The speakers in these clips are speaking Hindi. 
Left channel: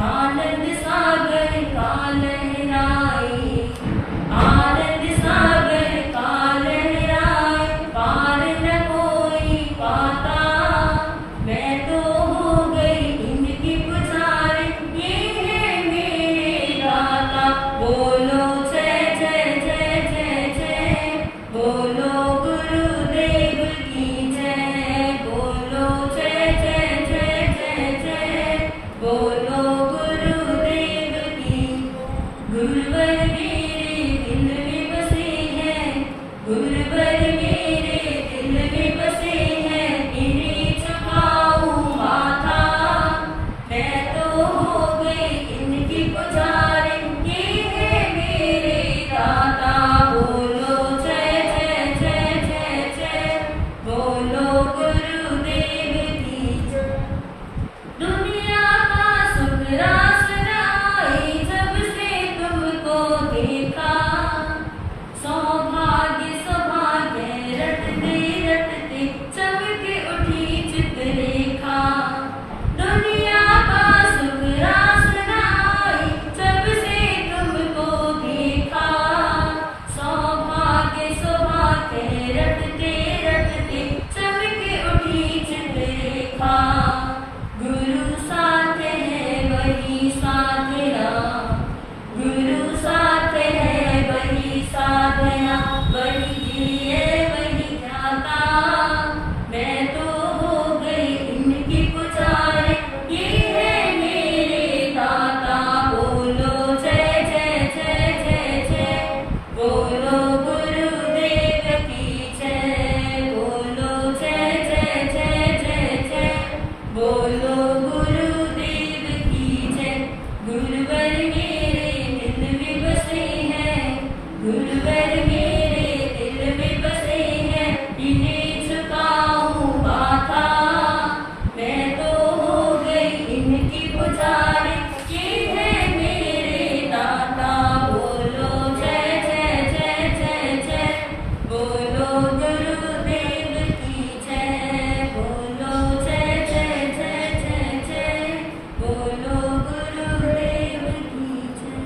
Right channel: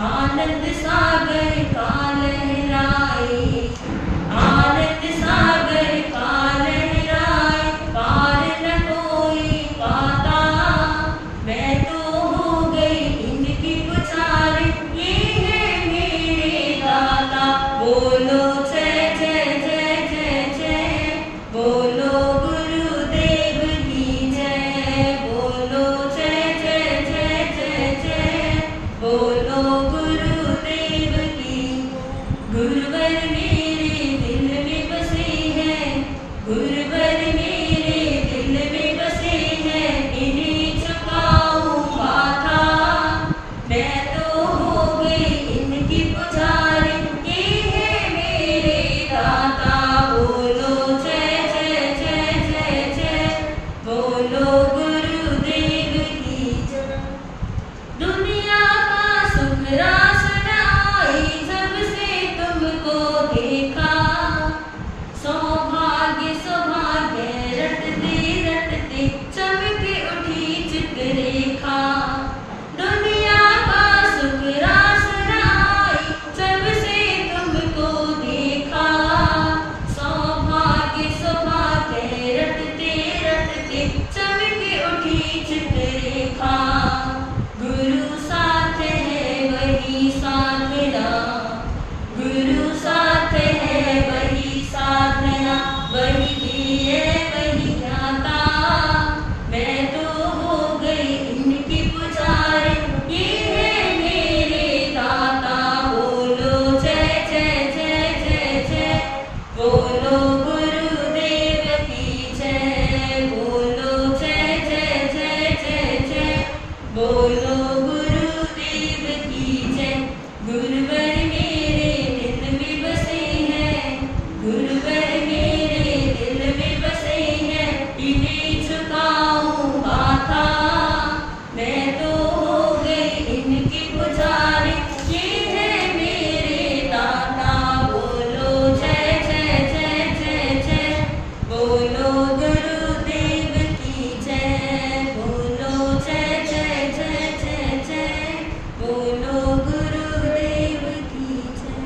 आनंद सागर का लहराए, आनंद सागर का लहराए, पार न कोई पाता। मैं तो हो गई इनकी पुजारी, ये है मेरे दाता। बोलो जय जय जय जय जय, बोलो गुरुदेव की जय, बोलो जय जय जय जय जय, बोलो गुरुदेव की। गुरुवर मेरे दिल में बसे हैं, गुरुवर मेरे दिल में बसे हैं, इन्हें झुकाऊं माथा। मैं तो हो गई इनकी पुजारी, ये है मेरे दाता। बोलो जय जय जय जय जय, बोलो गुरुदेव की जय। दुनिया का सुख रास आई जब से तुमको देखा, सौभाग्य सौभाग्य रटते चमके उठी चित्रलेखा। दुनिया का सुख रास आई जब से तुमको देखा, सौभाग्य सौभाग्य रटते चमके उठी चित्रलेखा। गुरु साथ है वही साधना, गुरु साथ है वही साधना, वही दिए वही ज्ञाता। मैं तो हो गई इनकी पुजारी, ये है मेरे दाता। बोलो जय जय जय जय जय, बोलो गुरुदेव की जय, बोलो जय जय जय जय जय, बोलो गुरुदेव की जय। गुरुवर मेरे दिल में बसे हैं, गुरुवर मेरे दिल में बसे हैं, इन्हें झुकाऊं माथा। मैं तो हो गई इनकी पुजारी, ये है मेरे दाता। बोलो जय जय जय जय जय, बोलो गुरुदेव की जय, बोलो जय जय जय जय जय, बोलो गुरुदेव की जय।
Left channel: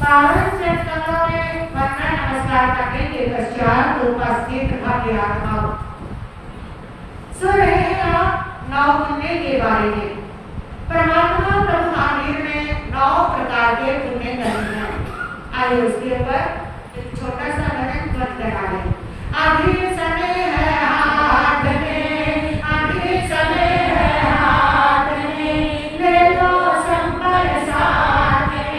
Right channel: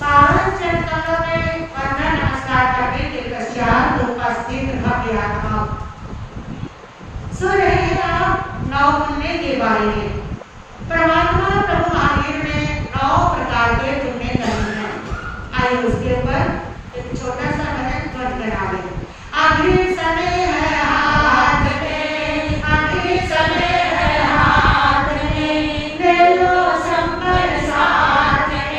पावन चरण कमलों में वंदन नमस्कार नमस्कार करने के पश्चात उपस्थित भव्य आत्माओं, सुन रहे हैं आप 9 पुण्य के बारे में। परमात्मा प्रभु महावीर ने 9 प्रकार के पुण्य करे हैं। आइए उसके ऊपर एक छोटा सा भजन ध्वनि करा लें। अभी समय है हाथ में, अभी समय है हाथ में, ले लो संपल साथ में,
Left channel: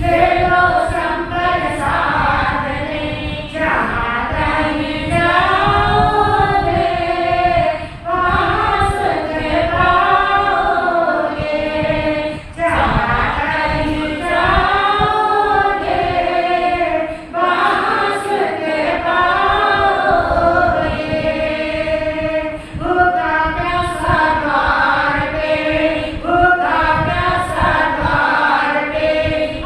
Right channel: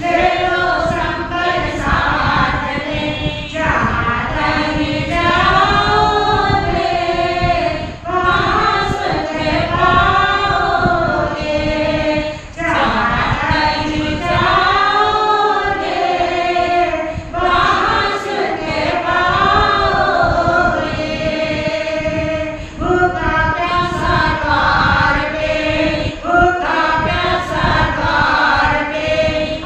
ले लो संपल साथ में, जहाँ कहीं जाओगे वहाँ सुख पाओगे, जहाँ कहीं जाओगे वहाँ सुख पाओगे। भूखा प्यासा द्वार पे, भूखा प्यासा द्वार पे,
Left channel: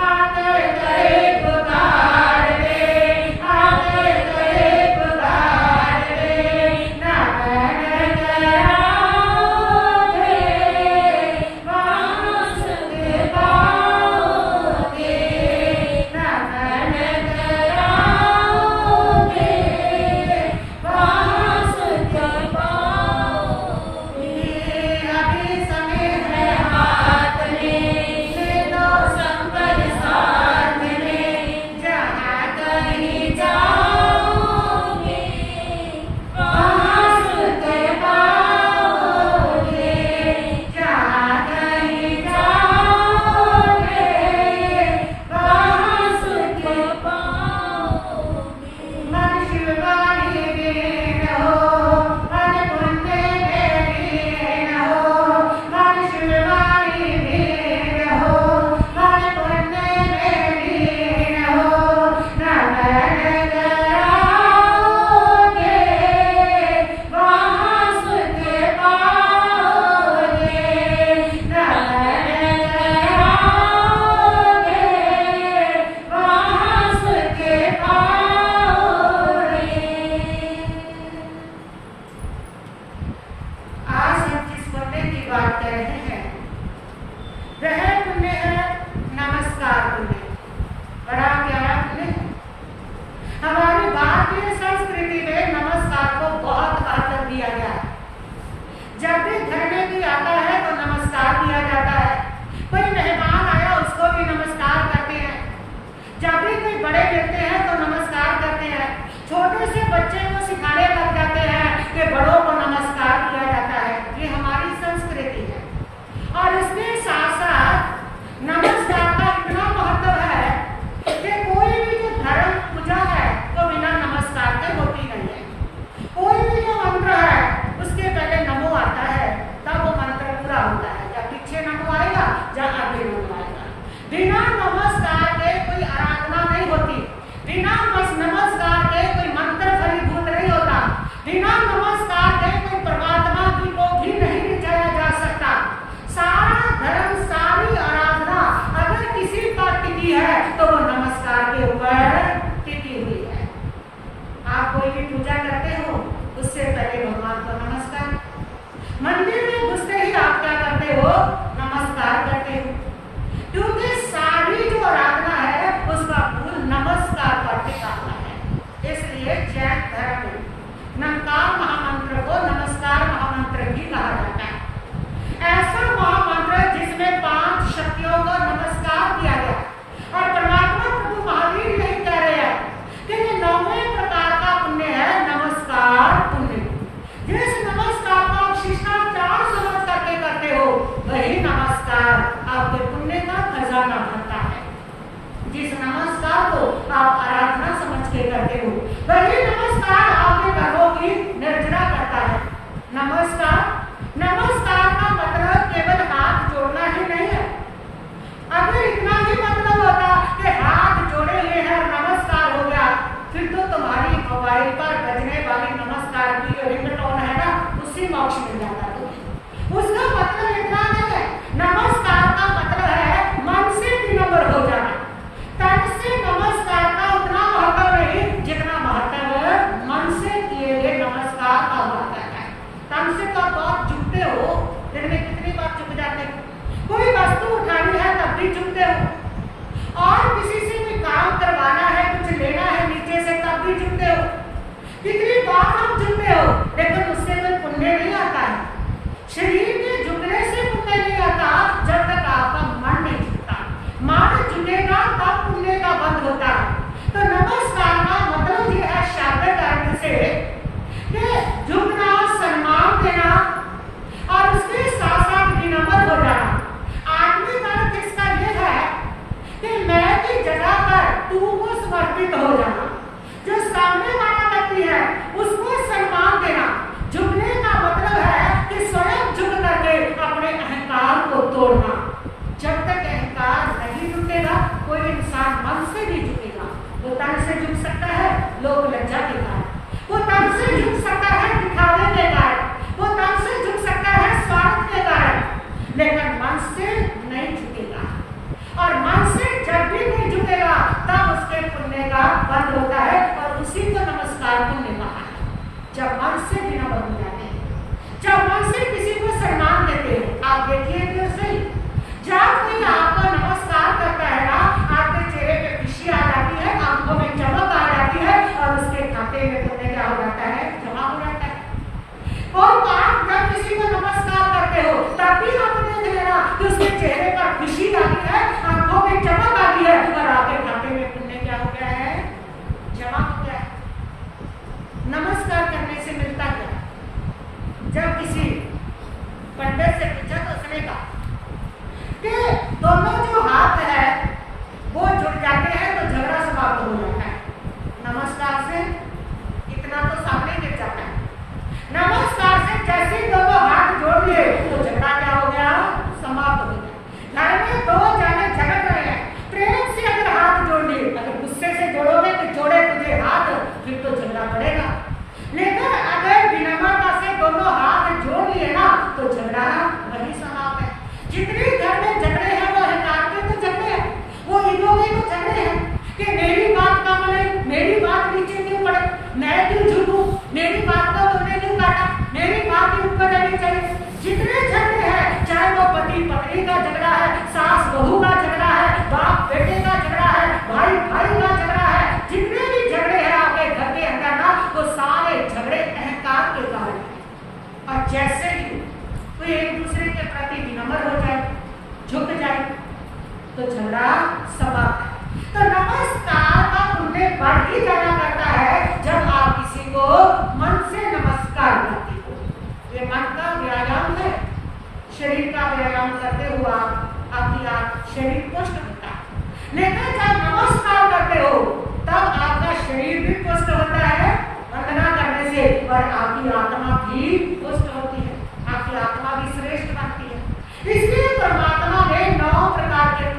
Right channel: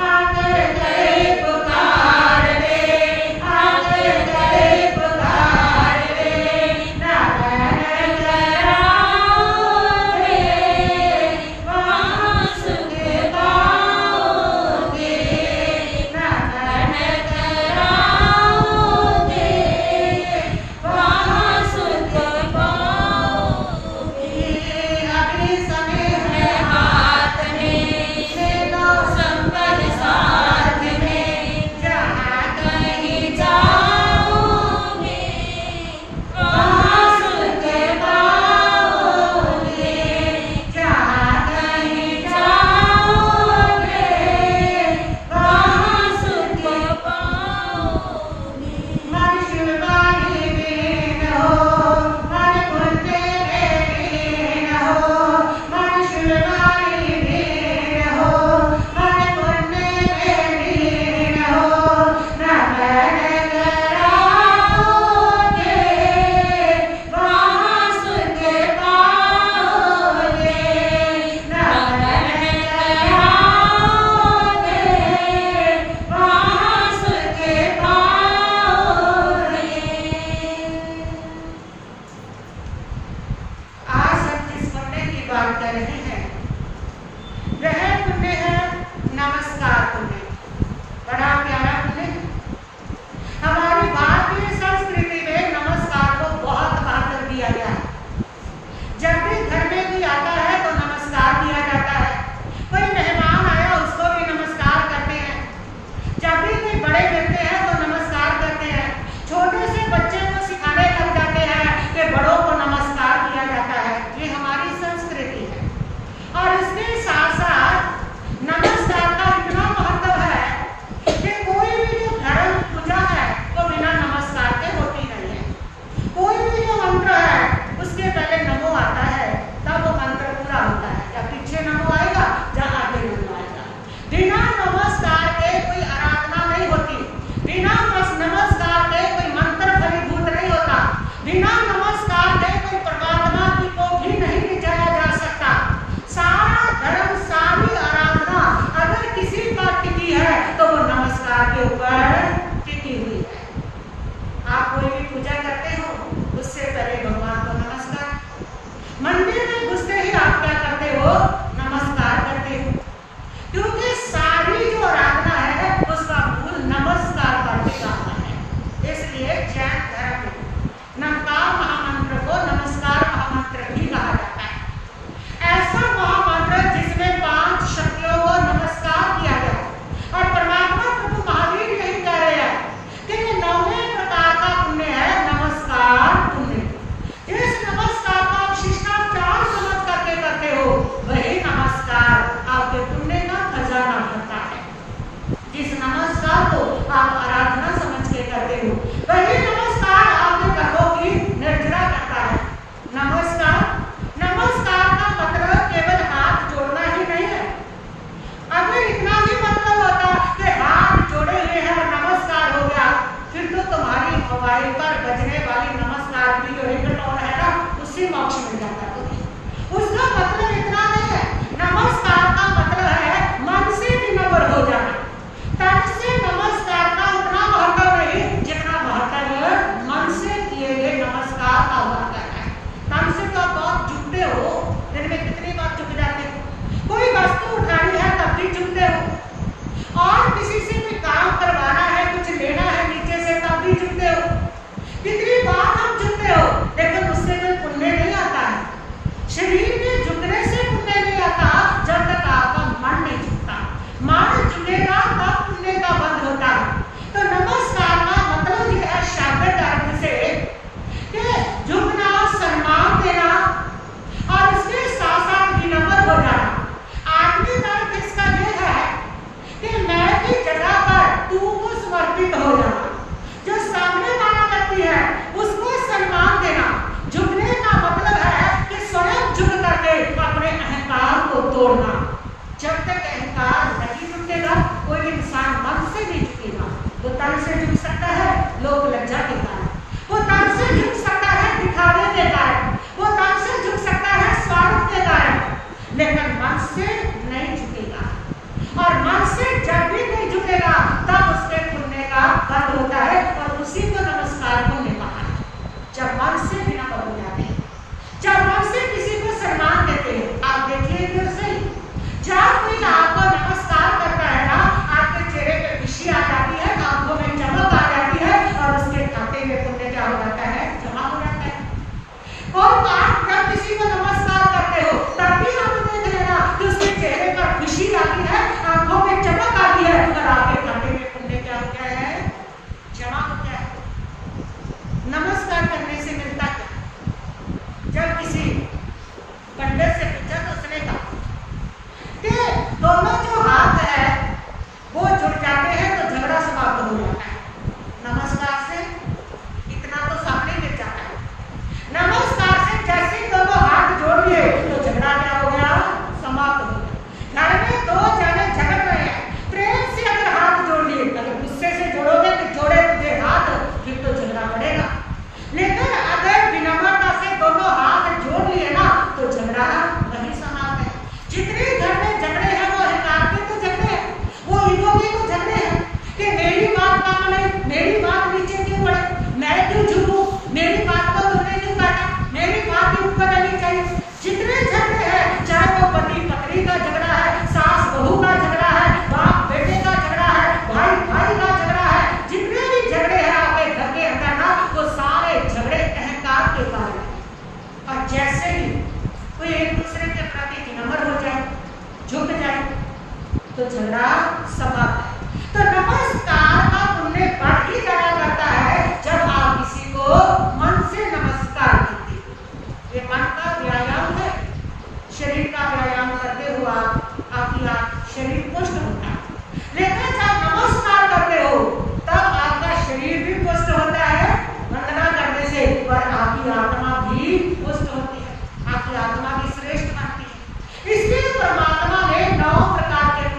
आकर करे पुकार रे, आकर करे पुकार रे, ना बन कराओगे वहाँ सुख पाओगे, ना बन कराओगे वहाँ सुख पाओगे। अभी समय है हाथ में, ले लो संपल साथ में, जहाँ कहीं जाओगे वहाँ सुख पाओगे, जहाँ कहीं जाओगे वहाँ सुख पाओगे। मन शिववाणी में हो, मन पुण्य में लीन हो, मन शिववाणी में हो, मन पुण्य में लीन हो, न बन कराओगे वहाँ सुख पाओगे, न बन कराओगे वहाँ सुख पाओगे। आज हम जिस पुण्य की बात कर रहे हैं वह पुण्य है नमस्कार पुण्य। बड़ा प्यारा पुण्य है। हमारी भारतीय संस्कृति में नमस्कार को बहुत महत्व दिया गया है। जब भी घर में कोई आता है तो नमस्कार किया जाता है। कोई मेहमान आया उसको भी नमस्कार करते हैं। जब भी कोई बड़े मिलते हैं तो नमस्कार करते हैं। छोटे से बच्चे को सिखाने लग जाते हैं कि बड़ों को नमस्कार किया जाता है। ये हमारी संस्कृति है। और इसके साथ साथ नमस्कार का इतना महत्व है कि कोई भी जो धर्म पूजा है वो बिना नमस्कार के होती नहीं है। कोई भी जो मंत्र है उसके पहले नमो आता है, तब वो मंत्र पूरा होता है। जब पीछे नमो आएगा, जब आगे नमो आएगा। बिना नमस्कार के कोई आराधना नहीं होती। बिना नमस्कार के कोई मंत्र फलीभूत नहीं होता। बिना नमस्कार के कोई परमात्मा की को भी नहीं रिझाया जा सकता। सारा धर्म, सारी आराधना अगर किसी पर टिकी है तो वो नमस्कार के ऊपर टिकी हुई है। आप कोई भी पूजा करते हो उससे पहले भगवान को नमस्कार। मंदिर में घुसते ही आप क्या करते हो? नमस्कार करते हो, क्योंकि सारी जो आराधना है उसका मूल नमस्कार पर टिका हुआ है। इसलिए जैन धर्म में नमकार महामंत्र को नमस्कार महामंत्र भी कहा जाता है। ऐसा महामंत्र जिसमें 5 शक्तियों को नमस्कार किया गया। और परमात्मा प्रभु महावीर यही कह रहे हैं कि ये 9वें प्रकार का पुण्य है नमस्कार पुण्य। जिस नमस्कार का आप शिष्टाचार समझ करके करते हो वही नमस्कार आपके पुण्य का खजाना भरता है। जिस नमस्कार को आप आराधना समझ के करते हो वही नमस्कार आपके कर्मों की निर्जरा करता है। नमस्कार, नमस्कार का मतलब केवल हाथ जोड़ना ही नहीं है। अगर इतना ही मतलब होता कि हाथ जोड़े हुए हैं और नमस्कार हो गया, फिर तो तुम्हारी मोबाइल पर बजने वाली नमस्कार की जो रिंगटोन है ना, उससे मोक्ष मिल जाता तुम्हें। उसका मतलब इतना नहीं है। नमस्कार का मतलब है मन से विनम्र हो जाना। तन से नमस्कार का उतना महत्व नहीं जितना महत्व मन से किए गए नमस्कार का हुआ करता है। तन से तो बहुत झुकते हो, दिन में कितनी बार झुक जाते हो। कोई वस्तु उठानी है तब भी झुकते हो, और किसी से भी काम करवाना है, कुछ लेना है नीचे तोड़ना। जब तक अहंकार नहीं झुकेगा, कोई इंसान मन से नहीं झुकेगा। वो तन से झुक सकता है लोक लज्जा के कारण, वो तन से झुक सकता है दिखावे के कारण, वो तन से झुक सकता है स्वार्थ के कारण, लेकिन मन से नहीं झुकेगा। और मन से जब भी नहीं झुकेगा तब उसके पुण्य का बंद होता है, और उसी को नमस्कार पुण्य कहा है। जब मन से बिना बंद हो जाते हैं, जब मन से किसी को सम्मान देते हैं, आप देखिए तो सही, जब कोई आपको नमस्कार करता है ना, आपके चेहरे पे खुशी आ जाती है, आंखों में चमक आ जाती है, और उसके खाते में पुण्य क्या हो जाता है, जमा हो जाता है। और आप जब किसी को नमस्कार करते हो तब भी आप देख लेना कि उसके चेहरे पर खुशी आती है, आंखों में चमक आती है, और आपके खाते में पुण्य क्या हो गया है, जमा हो गया है। नमस्कार करने से मिलता क्या? जब किसी पंडित से पूछा तो उसने कहा कि दोनों जो हाथ है वो जुड़ जाते हैं तो झगड़ा समाप्त हो जाता है। नमस्कार से इतना तो सामने गिर जाता है। नमस्कार से जैसे ही दोनों हाथ जोड़ लिए तो झगड़ा क्या हो गया, समाप्त हो गया। घर में दो जाने झगड़ रहे हैं, प्रेम से अगर हाथ जोड़ लिए, अगर गुस्से से जोड़ोगे कि जोड़े तुझे हाथ, फिर तो झगड़ा बढ़ेगा। लेकिन अगर विनम्रता से दोनों हाथ जोड़ लिए ना तो झगड़ा वही समाप्त है। जितने घर में झगड़े हैं वो अहंकार के तो झगड़े हैं, वो ईगो के तो झगड़े हैं कि मेरी बात का माने, मेरी बात नीचे क्यों पड़े, मैं क्यों झुकूं, मेरी बात को तुमने क्यों काटा, मेरी बात के ऊपर रहनी चाहिए। जितने झगड़े हैं, चाहे वो पति पत्नी का झगड़ा है, सास बहू का झगड़ा है, बाप बेटे का झगड़ा है, भाई भाई का झगड़ा है, जितने भी झगड़े हैं आपके घर के अंदर ना, वो सारे झगड़े अहंकार के कारण है। और जैसे ही कोई एक दूसरे के प्रति विनम्र हो जाए, झुक जाए, तो झगड़ा समाप्त है। तो नमस्कार का पुण्य बढ़ ही जाया करता है जब आप किसी को मन से नमस्कार करते हो। ये मन का व्यायाम है, शरीर का व्यायाम करते हुए आपकी शरीर पुष्ट होता है। लेकिन जब नमस्कार करते हो तब आपका शरीर भी पुष्ट होता है वंदना करने से, और आपकी आत्मा भी पुष्ट होती है, आपकी आत्मा भी श्रेष्ठ बनती है। इसलिए परमात्मा ने 9 प्रकार के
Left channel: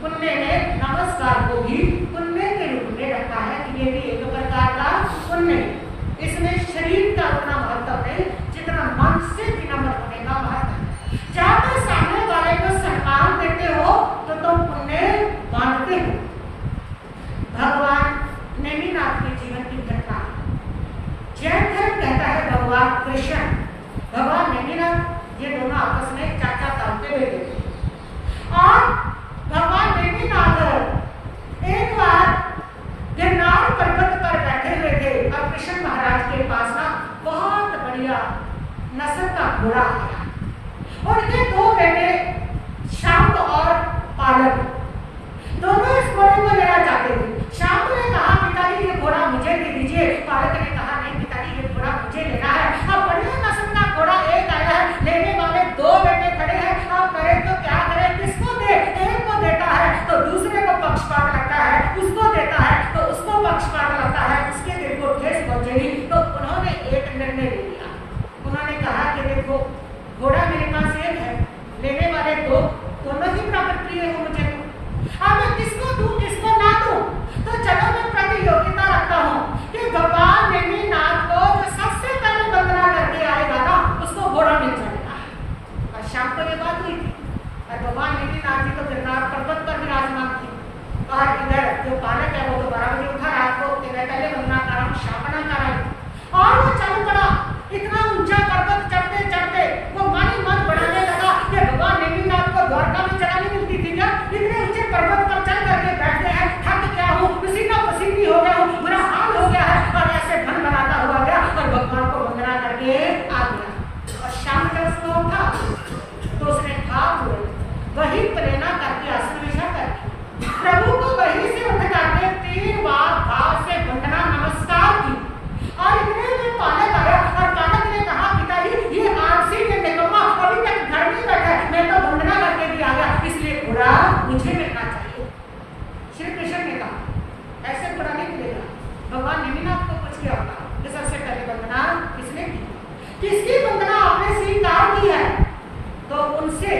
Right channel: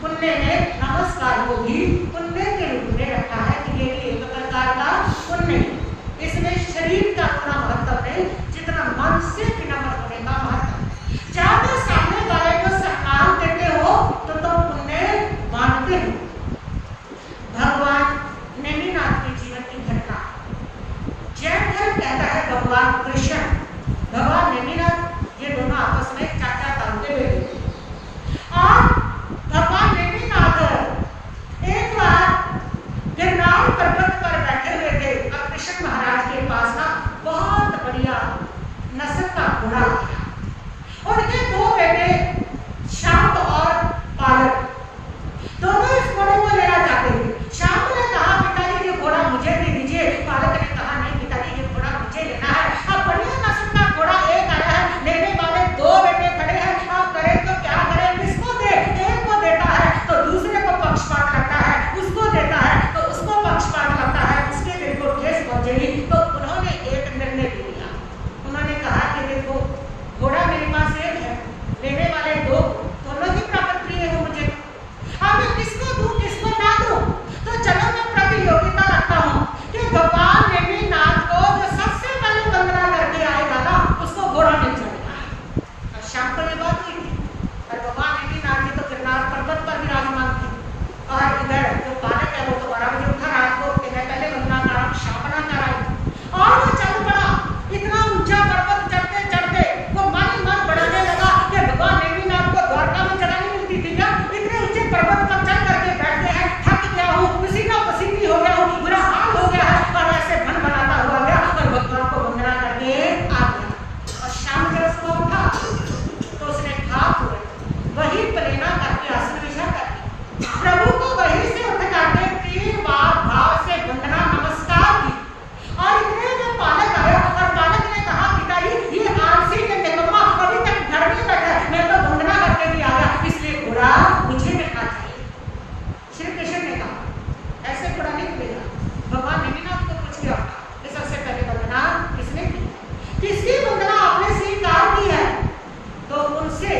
पुण्य ने नमस्कार को भी पुण्य के रूप में रखा है कि ये भी एक प्रकार का पुण्य है। इसमें शरीर का उतना महत्व नहीं जितना मन से विनम्र होने का महत्व है। जब तुम सामने वाले को सम्मान देते हो तो तुम पुण्य मानते हो। भगवान नेमिनाथ के जीवन की घटना, जैन धर्म कहता है भगवान कृष्ण, भगवान नेमिनाथ, ये दोनों आपस में चाचा ताऊ के बेटे थे। और भगवान नेमिनाथ एक बार गिरनार पर्वत पर बैठे हुए थे और कृष्ण महाराज के पास ना बहुत बढ़िया नस्ल का घोड़ा आया। उनके 2 बेटे शांब और पालक दोनों इस घोड़े को लेना चाहते थे। शांब ने कहा पिताजी ये घोड़ा मुझे दे दीजिए, पालक ने कहा नहीं पिताजी ये घोड़ा मुझे लेना है। अब बढ़िया नस्ल का घोड़ा एक आया है, लेने वाले 2 बेटे खड़े हैं, अब करें तो क्या करें, किसको दे? एक को देता है तो दूसरे को पक्षपात लगता है, उसको देता है तो उसको पक्षपात लगता है, उसके दिल को ठेस पहुंचेगी। तो उन्होंने एक निर्णय ले लिया। उन्होंने कहा कि देखो घोड़ा मेरे पास एक है, लेने वाले 2 दोनों ही बराबर प्रिय हो मुझे, अब मैं किसको दूं किसको ना दूं? तो चलो मैं प्रतियोगिता रखता हूँ कि भगवान नेमिनाथ को जो सबसे पहले वंदना करके आएगा ना उसको घोड़ा मिल जाएगा। और शाम को ये बात हुई थी और भगवान नेमिनाथ जी तो गिरनार पर्वत पर विराजमान थे, और इधर जो पालक है वो तो 12 बजे उठा रात को कि मैं पहले वंदना कराऊं, शापना कराई। और वो चल पड़ा, इतना ऊंचा पर्वत चढ़ते चढ़ते वो मन ही मन बढ़ाने लगा कि भगवान नेमिनाथ को द्वारका में जगह नहीं मिलती थी क्या? इतने ऊंचे पर्वत पर चढ़ करके बैठ गए हैं, थक गया हूँ, पसीना पसीनी हो गया हूँ, बुरा हाल हो गया है, और ऐसे भन बनाता हुआ गया और भगवान को वंदना करके आ गया। और शाम जब सुबह उठा तो उसने खा तुरंत वही प्लेना करके आसन विछा करके प्रभु को वहीं से उठ करके 3 बार भाव से वंदना नमस्कार की। और इतने में पालक आया और पालक ने कहा पिताजी ये आलसी ये निकम्मा अभी तक घर में बैठा है, मैं तो वंदना करके भी आ गया, इसलिए घोड़ा मुझे मिलना चाहिए। श्री कृष्ण ने कहा ऐसे घोड़ा नहीं मिलेगा। भगवान नेमिनाथ को पूछ के होगा कि सबसे पहले वंदना किसने की, किसकी वंदना आपने स्वीकार की है? तो उनसे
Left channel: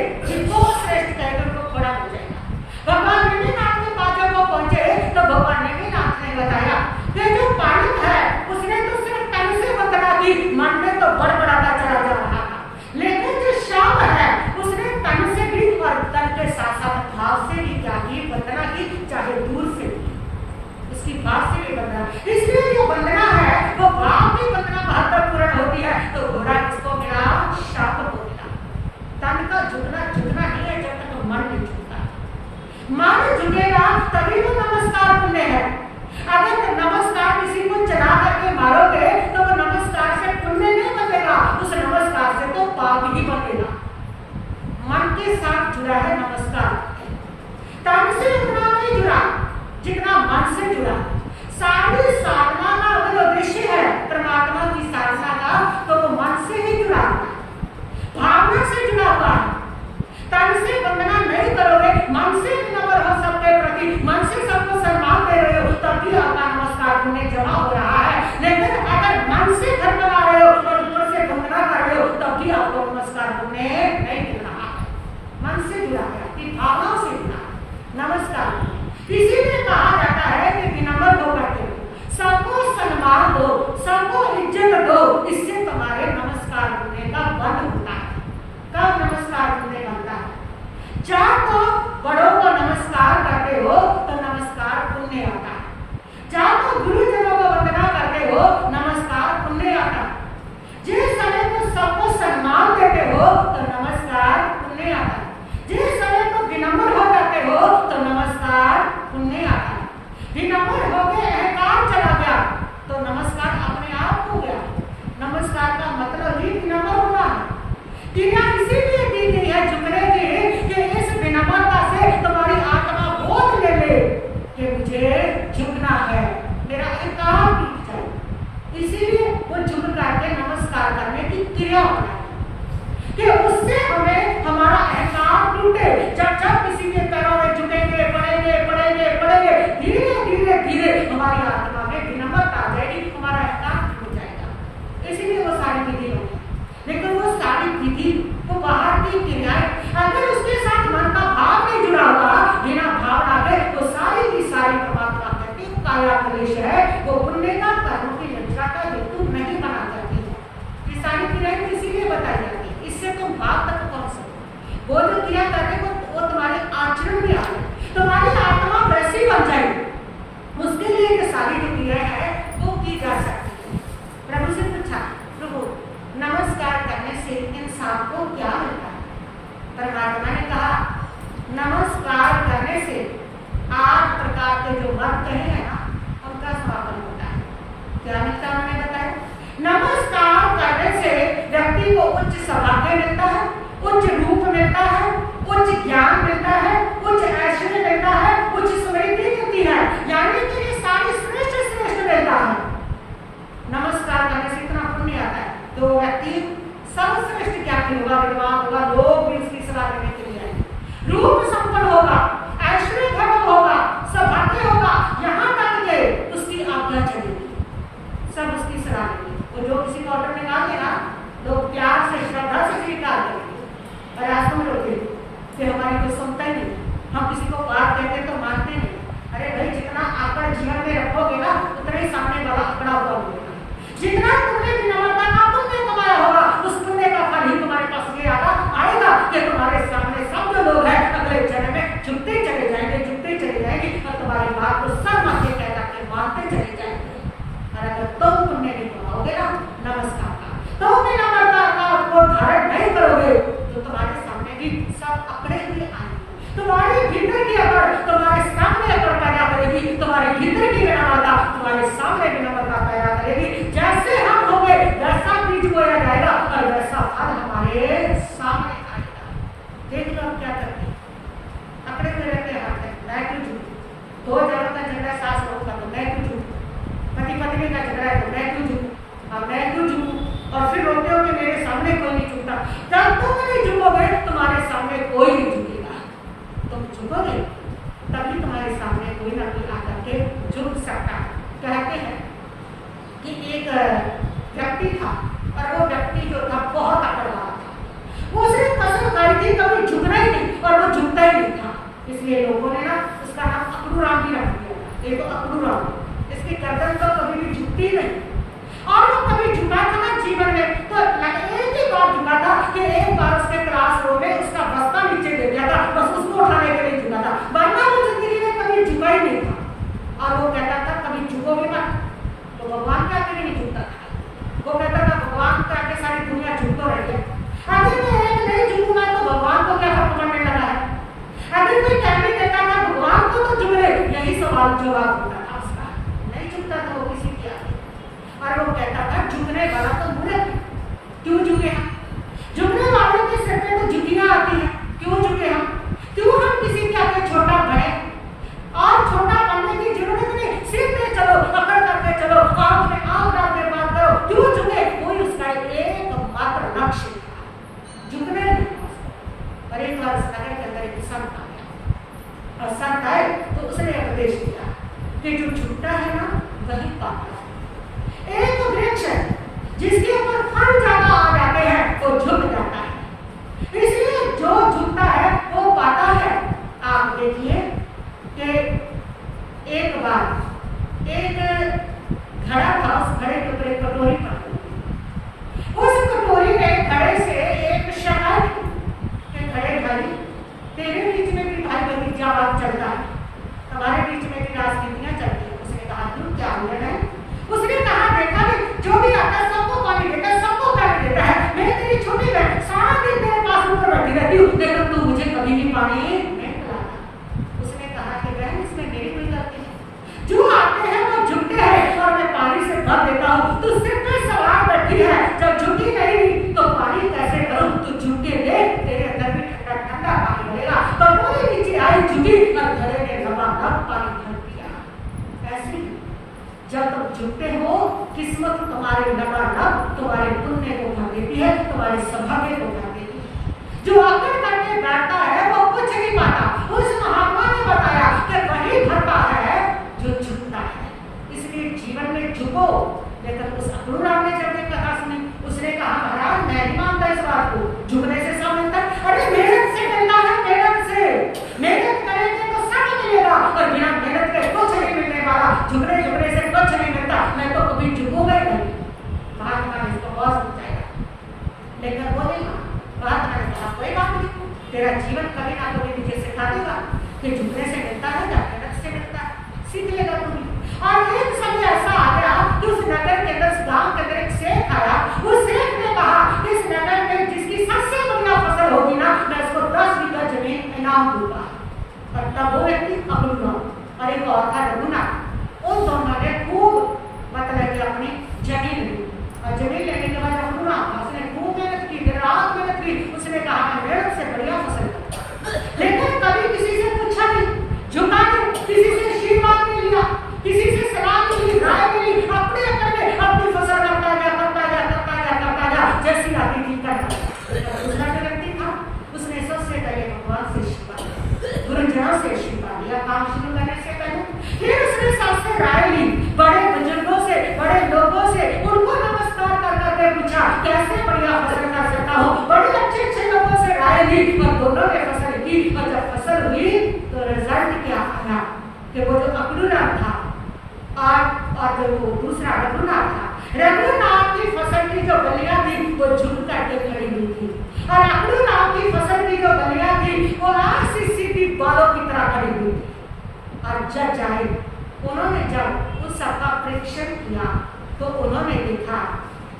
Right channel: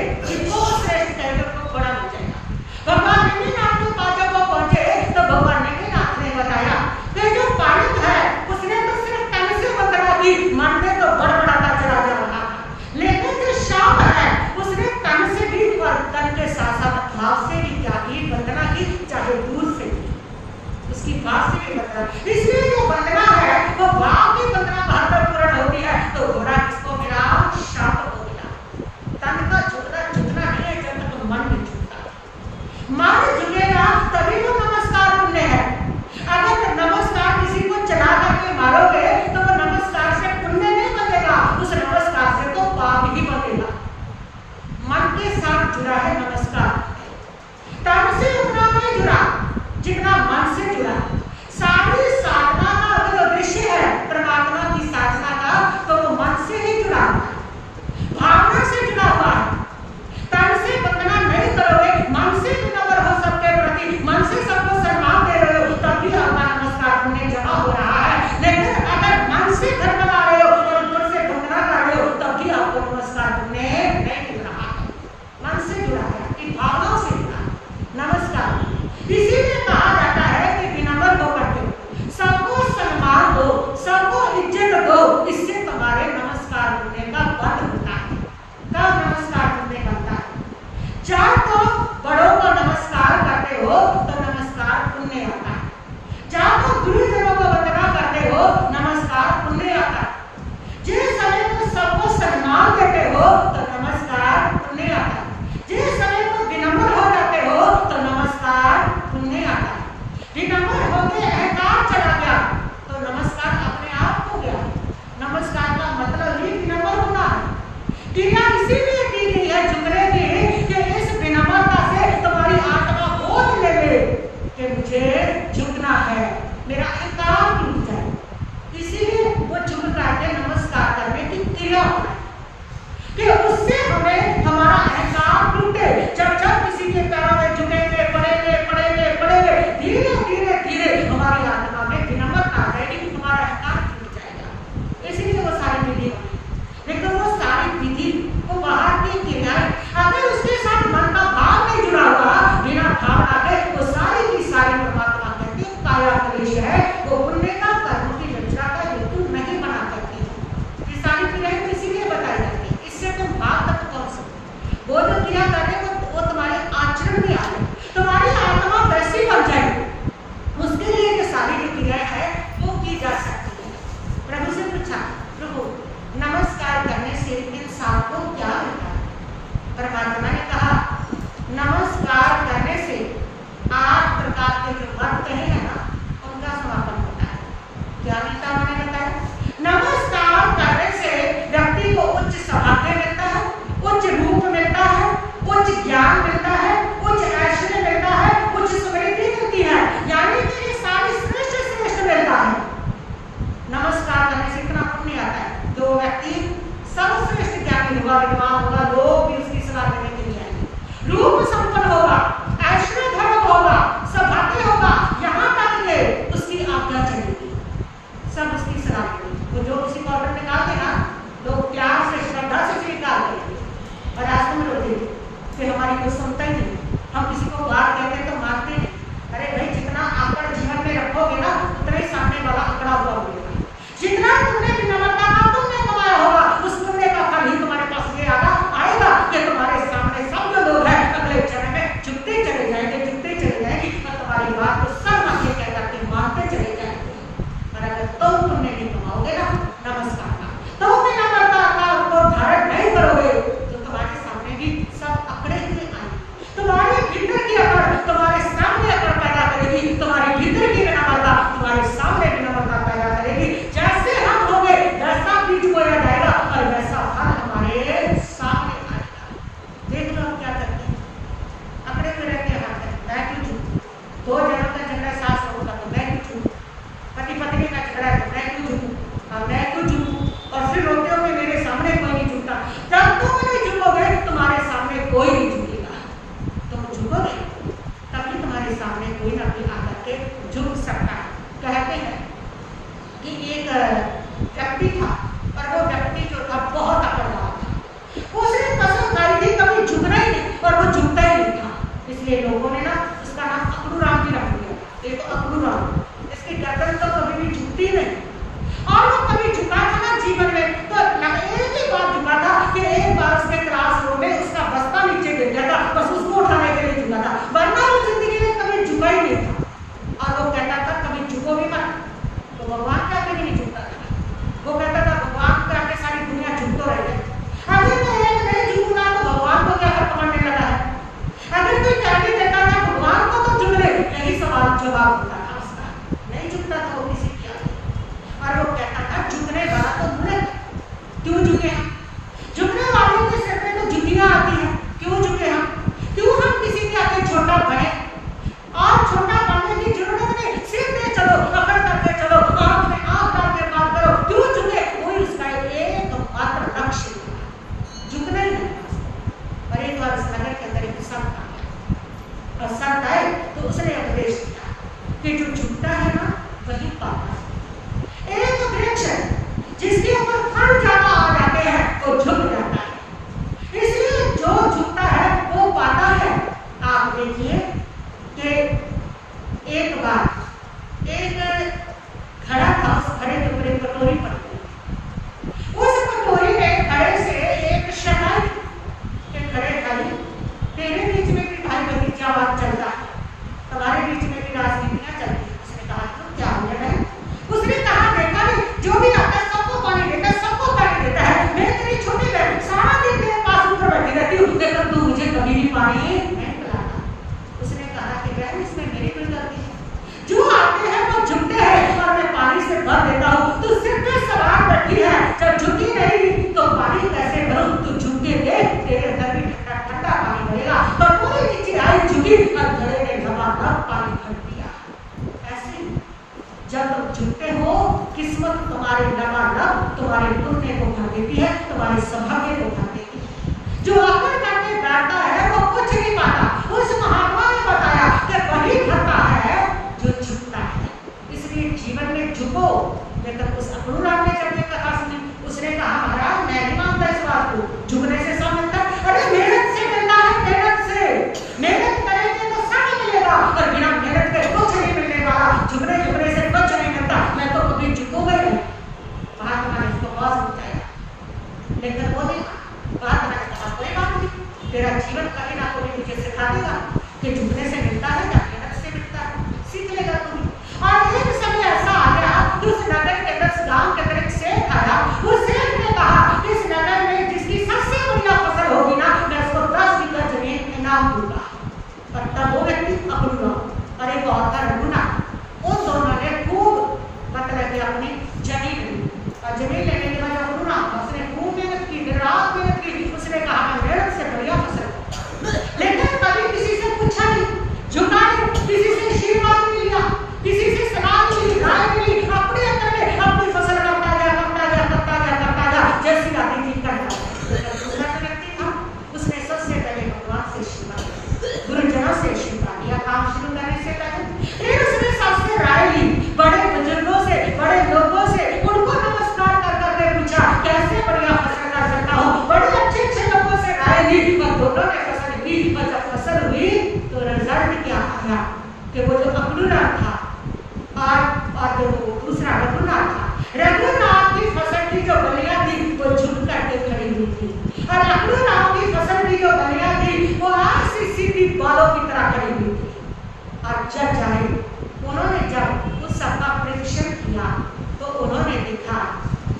उसकी भाव से भी वंदना। इसलिए जो वंदना है वो भाव की वंदना महत्वपूर्ण होती है। तो घोड़ा किसको मिला? शाप को मिला। तन का झुकना नहीं है जब तक मन नहीं झुकता। मन झुकेगा तभी वो नमस्कार पुण्य है। अगर नमस्कार किसी को चला करके मारोगे तो वो नमस्कार से पुण्य नहीं बनेगा, उस नमस्कार से तो पाप ही बनेगा। मन के साथ जुड़ा है नमस्कार, तन से उतना नहीं जुड़ा जितना मन से जुड़ा। सारी साधना का अगर उद्देश्य है परमात्मा की साधना का तो वो मन से ही जुड़ा हुआ है, भावना से जुड़ा हुआ है। तन से वंदना नहीं करोगे, मन से विनम्र हो सबके प्रति, मन से सबको सम्मान दे रहे हो, तब भी आपका नमस्कार पुण्य जमा हो रहा है। लेकिन अगर मन से घर बना रहे हो और ऊपर से वंदना कर रहे हो तब भी आपको नमस्कार पुण्य नहीं मिल रहा है। मन से जुड़ा है, आपकी भावनाओं से जुड़ा है नमस्कार। इसीलिए कहा जाता है कि विनम्र होकर के सबको सम्मान दो, सबको इज्जत दो, इससे तुम्हारे नमस्कार पुण्य का बंध होता है। कब नमस्कार पुण्य बनता है? जब तो बड़ों को नमस्कार करते हो तो नमस्कार पुण्य आता है। जब तो गुरुजनों को वंदना करते हो नमस्कार पुण्य आता है। जिस समय तो सबको सम्मान देते हो तो नमस्कार पुण्य आता है। जिस समय तो विनम्र हो जाते हो तो नमस्कार पुण्य आता है। विनम्र हो गए, अहंकार चला गया तो नमस्कार अपने आप हो गया। नमस्कार का मतलब ही विनम्र होना है। क्रिया इसीलिए दी गई है झुकने की कि इस विनम्रता से तुम्हारी आत्मा बोध ले ले कि मुझे झुकना है, मेरा अहंकार टूट जाए। इसीलिए वो झुक करके नमस्कार करने की क्रिया होता है कि उससे हमें हमारा अहंकार टूटे। जब जब किसी के पैरों में झुकेंगे, पड़ेंगे, धीरे धीरे धीरे हमारी आत्मा में विनम्रता आ जाएगी, हमारा अहंकार टूट जाएगा। इसीलिए वो सारी विधि बनी। लेकिन वो सारी विधि, वो बाहर की क्रियाएं, अगर उसके साथ मन का भाव नहीं जुड़ा हुआ, बिना भावना के वो सारी की सारी परमात्मा कहते हैं काया कलेश है, वो पुण्य का कर्म की लज्जा का हेतु नहीं बना करती है। ये सारी क्रियाएं तो इसीलिए बताई जाती है, इससे तुम भाव तक पहुंच सको। वो जो क्रिया करने वो तुम्हारे आचरण में आए, तुम्हारी आत्मा वैसी बन जाए, उसके लिए ये सारी जो क्रिया है वो की जा सकती है। प्रभु से पूछा, प्रभु नमस्कार करने से इंसान को क्या मिलता है? परमात्मा ने कहा नमस्कार करने से 8 प्रकार के जो मत कहे हैं ना उनका समापन होता है। क्या मिलता है मैंने बताया? नमस्कार करने से व्यक्ति को उच्च सौभाग्य मिलता है, उच्च रूप मिलता है, उच्च ज्ञान मिलता है, उच्च ऐश्वर्य मिलता है, उच्च समृद्धि मिलती है, यानी कि ये सारी श्रेष्ठ मिलता है। नमस्कार करने से इतना पुण्य आता है। जो व्यक्ति सर्वश्रेष्ठ ज्ञानी होगा, विद्वान होगा, लोग भी उसकी सलाह देने के लिए आएंगे, रूप संपन्न होगा, ऐश्वर्य धर्म होगा, सौभाग्य होगा, यहाँ तक के उसकी आज्ञा चलेगी, सब उसकी सलाह देंगे। वो जो किसी को ऑर्डर निकालते ना, लोग प्यार से श्रद्धा से स्वीकार करेंगे। और आज तुम रोते कि हमारी कोई सुनता ही नहीं, हम किसी को बात कहते तो मानते नहीं। अरे भाई, जितना आकड़ जीवन में रखोगे ना उतना ही सामने वाला आकड़ा हुआ मिलेगा। जितना तुमने विनम्रता का पुण्य कमाया होगा उस पुण्य का फल ही तुम्हारे पास ये आएगा कि तुम्हारे सामने सब जो लोग हैं अगले जन्म में झुकते चले जाएंगे और तुम्हारी बात को सर मध्य कह करके मानते चले जाएंगे। और अगर तुम पुण्य नहीं कमाओगे ना नमस्कार का, तुम विनम्रता का को धारण नहीं करोगे तो तुम्हारे सामने भी सब अकड़े हुए आएंगे। तुम्हारे भीतर की अकड़ तुम्हारे सामने अकड़ पैदा करेगी, तुम्हारे भीतर की विनम्रता तुम्हारे सामने विनम्रता पैदा करेगी। जैसे हम होंगे वैसा बीज बोया जाएगा और वैसा फल हमारे सामने आएगा। देख लो हम क्या करते हैं, अकड़े हुए रहते हैं, मैं क्यों झूठूं? 2 जनों का झगड़ा सास बहू का तो मैं क्यों झूठूं? पति पत्नी का झगड़ा है तो मैं क्यों झूठूं? अब मैं क्यों झूठूं? और फिर रोते हो कि मेरे सामने कोई नहीं झूठता। जब तुम नहीं झुकोगे तुम्हारे सामने कोई नहीं झुकेगा। तुम झुकोगे तभी तुम्हारे सामने कोई ना कोई आकर के झुक सकता है। कहते हैं कि एक व्यक्ति था और वो व्यक्ति जो था बहुत अकड़ वाला था। उसने कसम खाई थी कभी झुकना ही नहीं और वो झुकता ही नहीं था। इसलिए लोगों ने ना उसका नाम अकड़ू राम भी रख दिया था। ये तो अकड़ू राम, इसकी गर्दन तो कभी भी झुकती नहीं। और वो कभी झुका था ना जीवन में तो एक ही बार झुका था कि एक बार उसके क्लास रूम में उसका बस्ता नीचे गिर गया था, बस उसको उठाने के लिए झुका था, वरना वो जिंदगी में कभी झुका ही नहीं था। और वो कहता था कभी झुको भी मत, तो भगवान के आगे भी नहीं झुकता था। वो कहता था भगवान के आगे सारी दुनिया झुक तो रही है, अगर मैं एक नहीं झुकूंगा तो भगवान को क्या फर्क पड़ने लगा है। अगर कोई कहने देता था भगवान को तो झुक ले, यही सवाल जवाब होता था उसका, नहीं झुकता था वो किसी के आगे। और वो कहता था झुकने वाला तो मूर्ख, क्यों झुके हम, झुकने वाले के सिर पे तो जुतियां आती है, क्यों झुके हम, क्यों हम किसी के आगे छोटा बने। और छोटा बनने की जरूरत नहीं, सीधे चलो, पकड़ करके चलो, आंख में आंख डाल के बात करो, क्यों झुके। कोई उसका एक मात्र लक्ष्य था, झुकना ही नहीं था उसको। और एक बार इस नगर के अंदर एक संत आ गया, और संत आए तो उसने उपदेश दिया कि जो झुकता है ना वही पाता है। एक वृक्ष जिसके ऊपर फल ज्यादा आ जाते हैं वो झुक जाता है, इसलिए जो झुकता है वो पाता है। आप देखिए कि एक बार एक घड़ा था, उस घड़े के ऊपर एक कटोरी पड़ी हुई। उस कटोरी ने घड़े से एक शिकायत के घड़े भाई तेरे बीच में भी भाई भतीजा बात चलता है, तुम्हारे बीच में भी राजनीतियां चलती है। उसने कहा क्यों, क्या हो गया है। उसने कहा देखा नहीं, जो भी आता है सबको पानी देता है, सबको पानी देता है, मैं तेरी छोटी बहन सारा दिन तेरे पास ऊपर बैठी रहती हूँ, लेकिन तू मुझे कभी भी पानी नहीं पिलाता। उसने कहा कि बहन इसमें मेरी कोई गलती नहीं, जो आते हैं वो झुकते हैं और मैं पानी से भर देता हूँ, तू सिर पे सवार बैठी है, जब झुकी नहीं तो पानी कैसे भरूं, तू झुक के देख तेरे अंदर भी ठंडा ठंडा पानी भरेगा। कटोरी नीचे आई, झुकी और घड़े ने लबालब पानी भर दिया। ऐसे ही जब तुम झुकते हो किस्मत तुम्हारे लबालब तुम्हारे पुण्य को भर देती है, तुम्हारे सौभाग्य को भर देती है। जो अकड़ करके बैठता है वो कुछ नहीं पाता। उस महात्मा ने बताया कि वही भरता है जो झुकता है। इसलिए जीवन में झुको। लेकिन उस अक्रूराम ने जब ये कथा सुनी, उसने कहा महाराज मैं नहीं मानता इस बात को, झुकने से सब मिलता है। अरे मेहनत से मिलता है, मेहनत से, मेहनत करेंगे तो सब मिलेगा, और बिना मेहनत के कुछ नहीं मिलने वाला। झुकने झुकने से कुछ नहीं मिलता, मैं तो कभी झुकूंगा ही नहीं। महात्मा ने इसको बहुत समझाया, लेकिन वो नहीं माना। महात्मा ने कहा कोई बात नहीं, तेरा जीवन कभी ना कभी तुझे सिखा देगा कि झुकने से मिलता है या मेहनत से मिलता है, सीख लेगा तू भी। और एक समय ऐसा आ गया कि उस नगर के अंदर, गांव के अंदर एक सेठ आया। उस सेठ ने कहा इस नगर में जिसकी सबसे बढ़िया फसल होगी ना, मैं उसको 10 बीघा जमीन इनाम दूंगा। और तब वो व्यक्ति अक्रूराम और एक और था रघुनाथ, उन दोनों ने खूब मतलब कि अपनी जमीन ली। और जमीन लेने के बाद अक्रूराम उसने खूब मेहनत की, दिन रात मेहनत की। उसने कहा मैं मेहनत से बढ़िया फसल करूंगा, लेकिन कभी किसी से पूछा नहीं, झुका नहीं, किसी से आशीर्वाद नहीं लिया, किसी से सलाह नहीं ली, राय नहीं ली, अपने अंदर में अपनी फसल करता गया, करता गया, करता गया, करता गया, जैसी आती थी करता गया। दूसरा जो व्यक्ति था उसने सबसे पहले भगवान से आशीर्वाद लिया, गुरुजनों से आशीर्वाद लिया काम शुरू करने से पहले। फिर उसने सबसे राय ली, बड़े बुजुर्गों से, बड़े लोगों से, उनको नमस्कार कर करके पूछा कैसे बढ़िया फसल कर सकता हूँ। बड़े अच्छे अच्छे लोगों से राय ली और दोनों ने फसल की। और जब फसल हुई तो रिजल्ट क्या आया कि वो जो अक्रूराम था और जो वो दूसरा रघुनाथ था, रघुनाथ की फसल की जो बलिया थी वो झुक करके खड़ी हुई थी, और अक्रूराम की फसल की जो बलिया थी वो ऐसी सीधी बालों की तरह खड़ी हुई थी। और जज आए, उन्होंने जब उस सबका परीक्षण किया तो उन्होंने देखा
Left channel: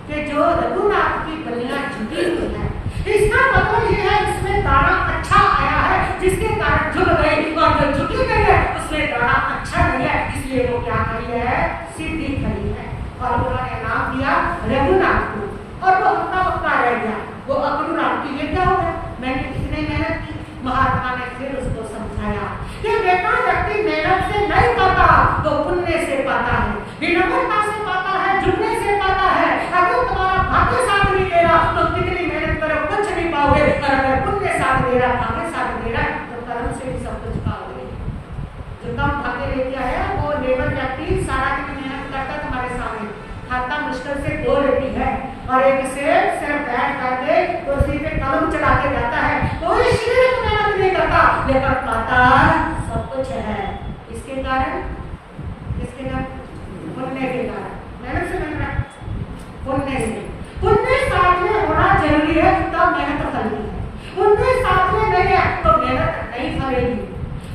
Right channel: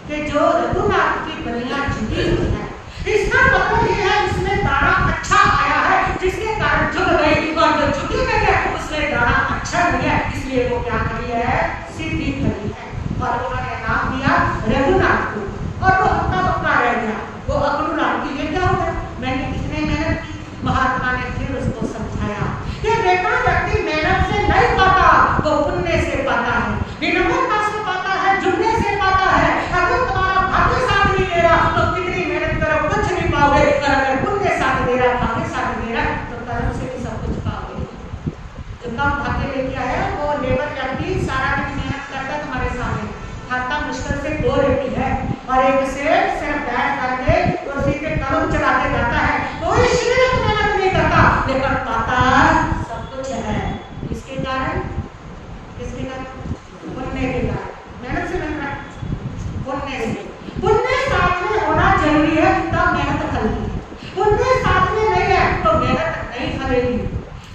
कि जो रघुनाथ की बलियां झुकी हुई है, इसका मतलब ये है इसमें दाना अच्छा आया है, जिसके कारण झुक गई। और जो झुकी गई है उसमें दाना अच्छा नहीं है, इसलिए वो क्या खड़ी है, सीधी खड़ी है। और उन्होंने नाम दिया रघुनाथ को, और वो हफ्ता हफ्ता रह गया। वो अक्रूराम की ये क्या हो गया, मैंने कितनी मेहनत की। महात्मा ने फिर उसको समझाया कि बेटा व्यक्ति मेहनत से नहीं पाता, वो पुण्य से पाता है, विनम्रता से पाता है, झुकने से पाता है। अगर तुम्हारा भाग्य साथ नहीं दे रहा तो कितनी मेहनत करो कुछ नहीं पाओगे, और अगर पुण्य साथ दे रहा, भाग्य साथ दे रहा तो कर्म से भी सब कुछ पाओगे। जो कम भाग्य लेके आया वो लेबर व्यक्ति सारा दिन मेहनत करता है, तुम्हारे सामने खाता मुश्किल से 2 रोटी है, और एक से सिर्फ बैठ करके कुर्सी पे कलम चला के जाता है, कोई शरीर मेहनत नहीं करता, लेकिन पाता सब कुछ है। किसके कारण, किसके कारण, पुण्य के कारण। मेहनत से मेहनत, पुण्य से। पुण्य साथ में होना जरूरी है तब मेहनत फलती है, पुण्य साथ में नहीं है तो मेहनत नहीं फलेगी।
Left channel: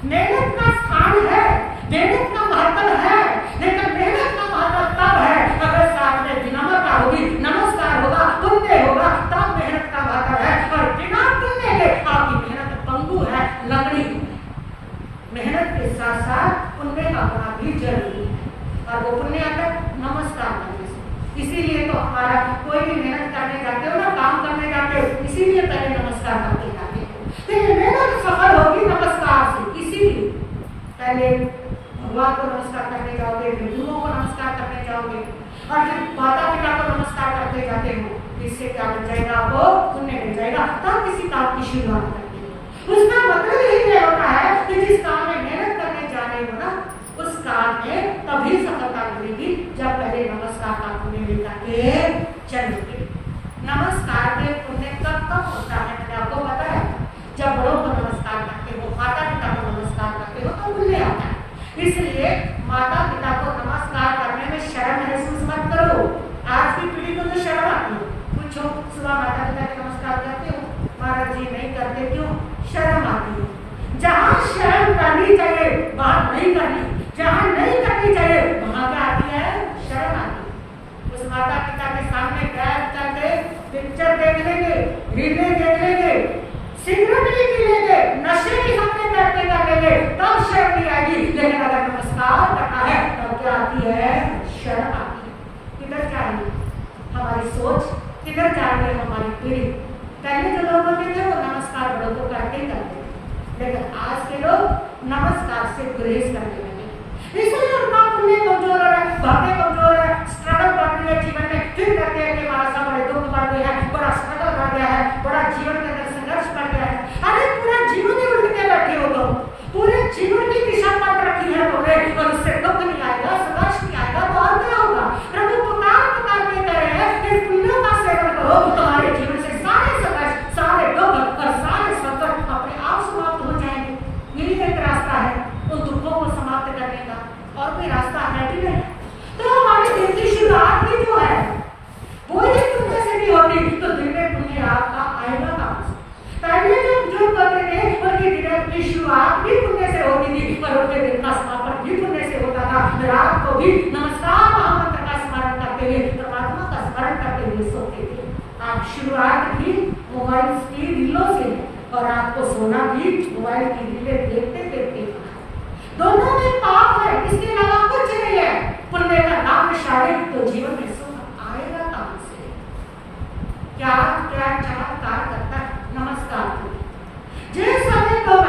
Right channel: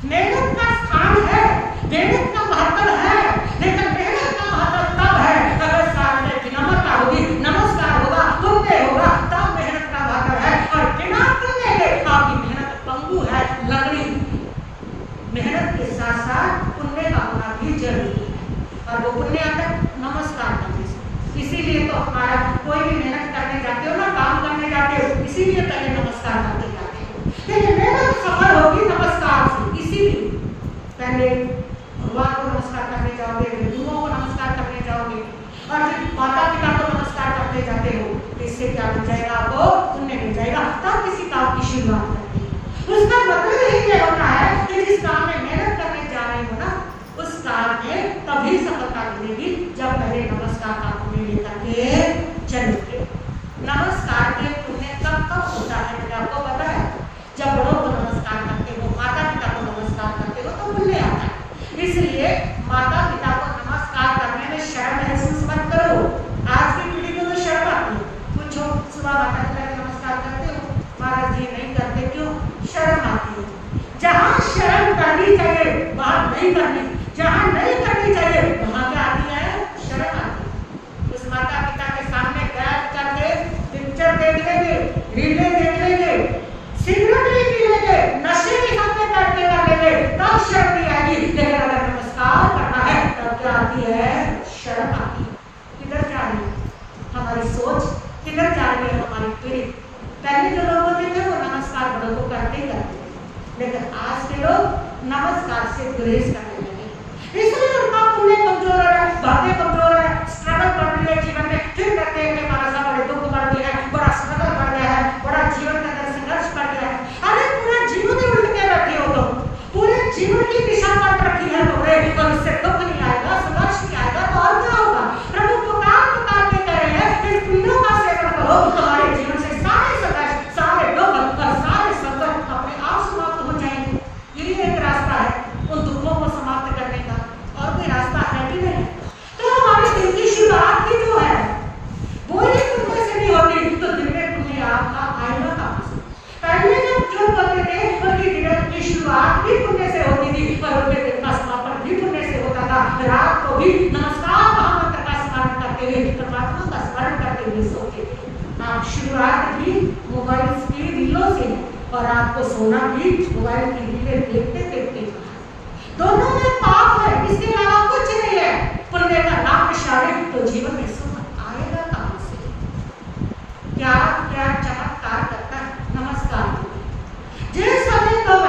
मेहनत का स्थान है, मेहनत का महत्व मेहनत के साथ साथ पुण्य का होना भी जरूरी है। और वो पुण्य आता है नमस्कार करने से। इसीलिए तो हमारा कोई भी मेहनत करने जाते हो ना, काम करने जाते हो, इसीलिए पहले नमस्कार करके जाते हो। लेकिन मेहनत सफल होगी नमस्कार से। इसीलिए पहले भगवान को नमस्कार करने जाओगे, गुरुओं को नमस्कार करने जाओगे, और फिर माता पिता को नमस्कार करते जाते हो। इससे क्या मिल जाएगा? आपको पुण्य मिल जाएगा। तब किसी काम की शुरुआत करते हो। उसका मतलब यही होता है कि जिस काम में मेहनत करने जा रहे हो ना, उस काम में तभी सफलता मिलेगी जब पहले नमस्कार का पुण्य लेकर के चलोगे। नमस्कार के पुण्य कब कब होता है मैंने आपको बताया। जब बड़ों को नमस्कार करते हो, माता पिता को नमस्कार करते हो तो पुण्य आता है। इसलिए माता पिता को नमस्कार करने में शर्म महसूस मत करो। आज की पीढ़ी को तो शर्म आती है। पूछो, सुबह माता पिता के नमस्कार करते हो? महाराज जी नहीं करते। क्यों? शर्म आती है। जहाँ शर्म करनी चाहिए वहाँ नहीं करनी, जहाँ नहीं करनी चाहिए वहाँ क्या आती है? शर्म आती है। उस माता पिता के सामने बैठ करके पिक्चर देख लेंगे, रीलें देख लेंगे, सिगरेट भी पी लेंगे, नशे के सामने बैठने कर लेंगे, तब शर्म नहीं आएगी। लेकिन अगर नमस्कार करना है तब क्या आती है? शर्म आती है। किधर जा रही है हमारी सोच? किधर जा रही है हमारी पीढ़ी? पहले जो लोग होते थे वो नमस्कार बड़ों को करते ही करते थे, लेकिन आज के लोग नमस्कार से गुरेज करने लगे। इसलिए उनका पुण्य कमजोर हो रहा है, भाग्य कमजोर हो रहा है, स्ट्रगल बढ़ रही है जीवन में। फिर कहते हैं कि हमारा सा बड़े दुख बढ़ गए हैं, बड़ा स्ट्रगल बढ़ गया है, बड़ा जीवन के अंदर संघर्ष बढ़ गया है। अरे पूरा जीवन ही उल्ट के बैठे हो तुम, पूरे जीवन की दिशा पलट रखी है तुमने, और उससे दुख नहीं आएगा, संघर्ष नहीं आएगा तो और क्या होगा? प्रभु पुकार पुकार के कह रहे हैं इन पुण्यों का सेवन करो, तुम्हारे जीवन से सारे संघर्ष, सारे दुख और सारे संकट अपने आप समाप्त हो जाएंगे। यही एक रास्ता है उन दुखों को समाप्त करने का, और कोई रास्ता है भी नहीं। तो हमारे दिन की शुरुआत ही जो है वो ही पुण्य से नहीं होती, तो दिन में पुण्य आपका आएगा कहाँ से? पहले जब जो करते थे उनकी दिन की शुरुआत भी पुण्य से होती थी, और उनके दिन का समापन भी पुण्य से होता था। रात को भी नमस्कार महामंत्र का स्मरण करते हुए, परमात्मा का स्मरण करते हुए सोते थे। आप शुरुआत भी मोबाइल की रीलों से, और रात को सोना भी मोबाइल की रीलें देखते देखते। दोनों में पाप है, इसके अलावा कुछ नहीं है। पुण्य का नाम निशान तो जीवन में सुख आएगा कहाँ से? क्या क्या चमत्कार करता है नमस्कार। जिस समय तुम